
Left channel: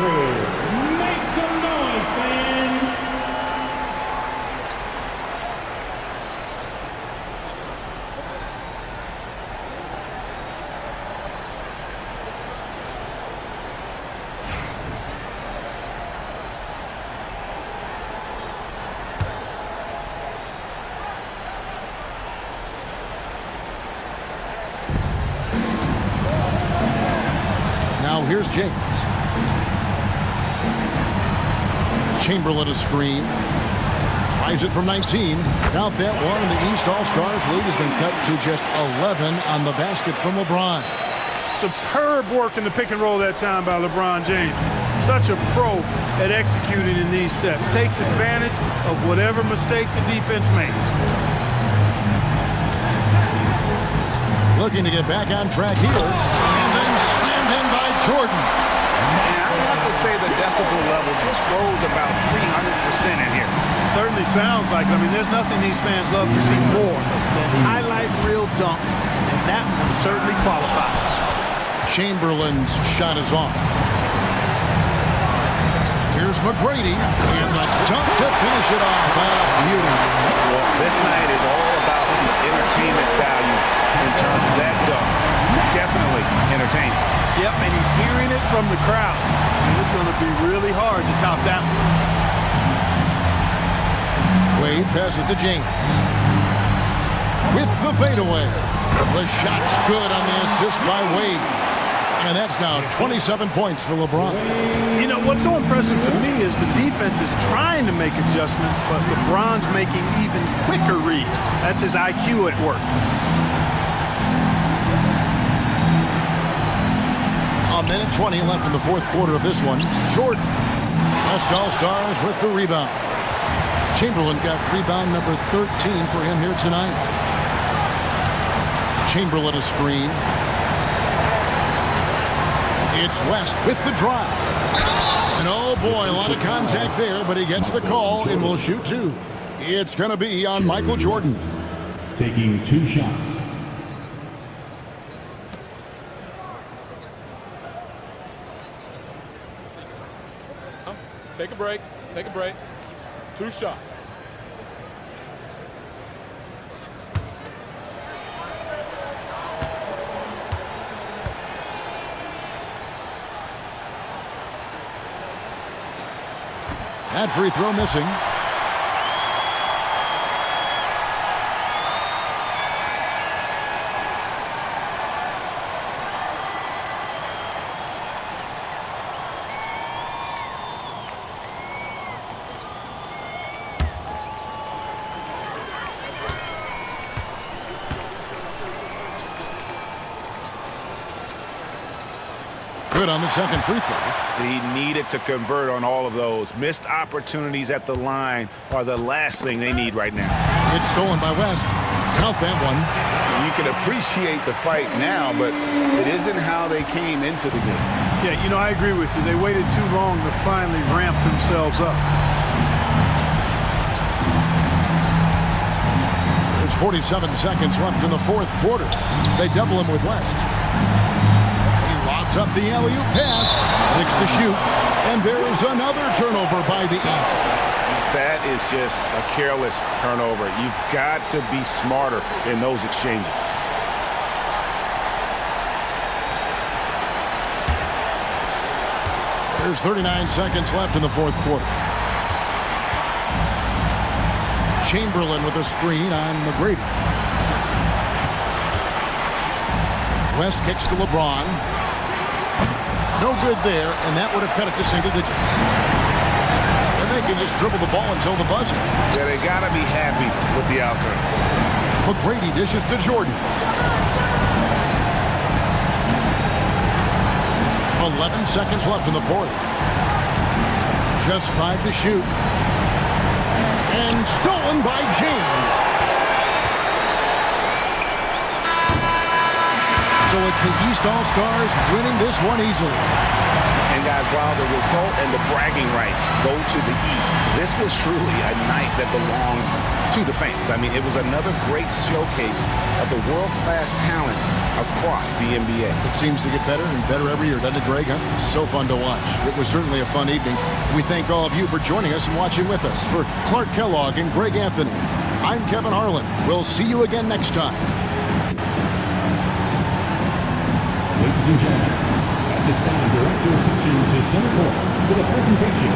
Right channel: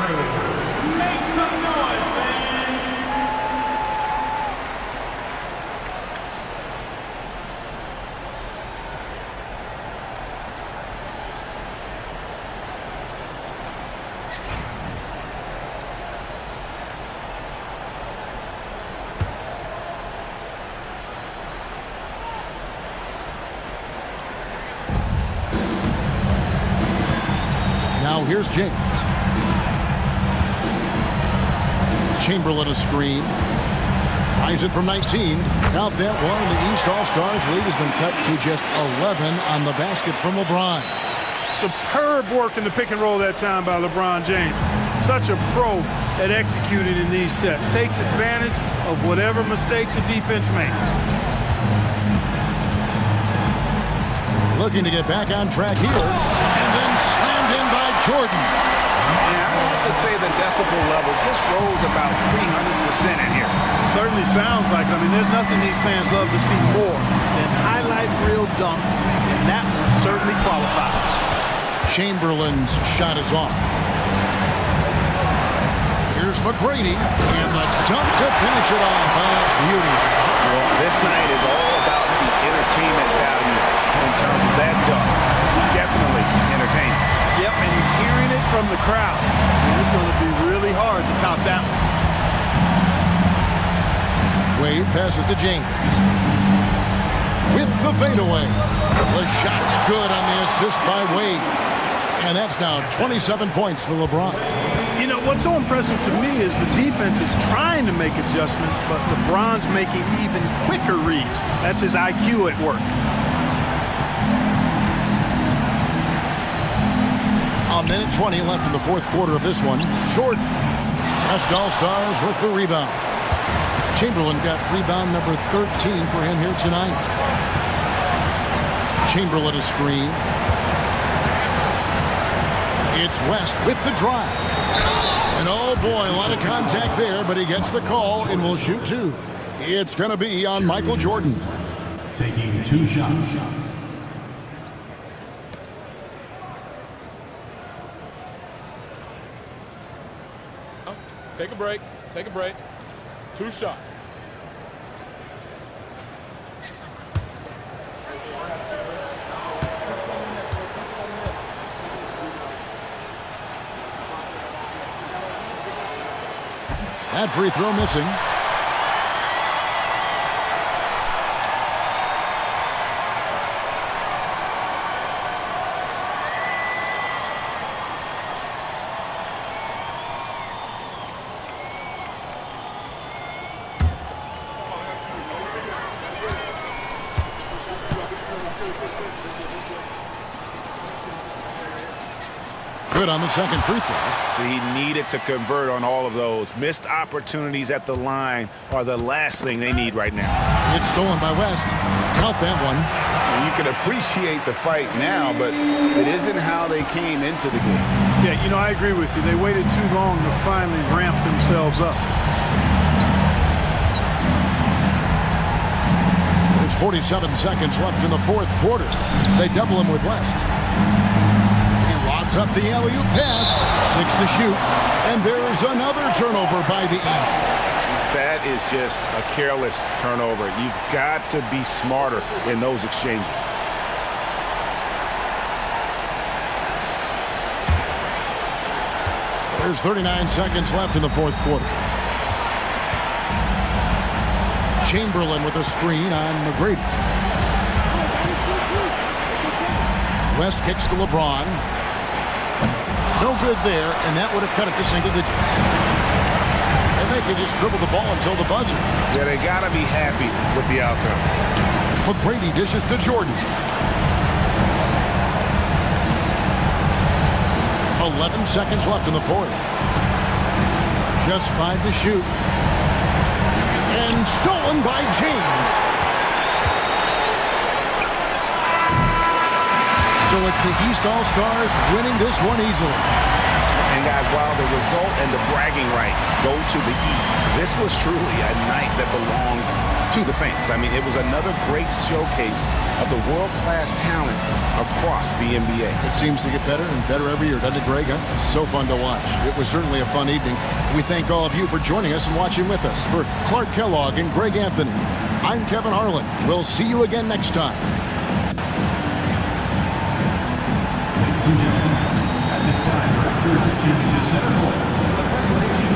Make some noise, fans! Now here's James. Chamberlain a screen. Tries it from 19. Count that one, and the East All-Stars lead has been cut to just 11 on the basket from LeBron. Superb work in the pick and roll that time by LeBron James. Such a pro at executing in these sets. Takes advantage of whatever mistake the defense makes. Looking to get back on track here. And then slammed in by Jordan. And I'd have to say the decibel level just rose about 300% in here. Certainly sounds like it. I mean, there's nothing these fans love to see more than highlight reel dunks, and that one certainly qualifies. Chamberlain's shot is off. Here's McGrady, and the dunk to finish it off. Beauty. Well, this night is all about the entertainment value in terms of that dunk. Definitely entertaining. Yep, and he's hearing it from the crowd. I mean, it's going to be really hard to top that one. Wade passes to James. With the fadeaway. The shot's good on the assist by Wade. And that's now 27 points for LeBron. You know, what's so impressive to me is the defense is trying to make adjustments, but LeBron's making even quicker reads. That's his IQ at work. A minute 20 left in the fourth quarter of this one. Jordan. West All-Stars with the rebound. Chamberlain got rebound number 13 for him here tonight. Chamberlain a screen. It's West with the drive. And oh boy, a lot of contact there, but he gets the call and will shoot two. It's going to be on Michael Jordan. Taking 2 shots. Take a break. Take a break. 2 shots. That free throw missing. Good on the second free throw. He needed to convert on all of those. Missed opportunities at the line are the last thing they need right now. It's stolen by West. Count that one. You can appreciate the fight now, but it isn't how they came into the game. Yeah, you know, I agree with you. They waited too long to finally ramp themselves up. There's 47 seconds left in the fourth quarter. They double him with West. Lobs up the alley-oop pass. 6 to shoot. And there's another turnover by the East. That is just a careless turnover. You've got to be smarter in those exchanges. There's 39 seconds left in the fourth quarter. Chamberlain with a screen on McGrady. West kicks to LeBron. No good there, and that would have cut it to single digits. And they can just dribble the ball until the buzzer. Yeah, they got to be happy with the outcome. McGrady dishes to Jordan. 11 seconds left in the fourth. Just 5 to shoot. And stolen by James. So it's the East All-Stars winning this one easily. And guys, while the result and the bragging rights go to the East, this was truly a night that belonged to the fans. I mean, it was another great showcase of the world-class talent across the NBA. It seems to get better and better every year, doesn't it, Greg? Huh? So fun to watch. It was certainly a fun evening. We thank all of you for joining us and watching with us. For Clark Kellogg and Greg Anthony, I'm Kevin Harlan. We'll see you again next time. Ladies and gentlemen, at this time, direct your attention to center court for the presentation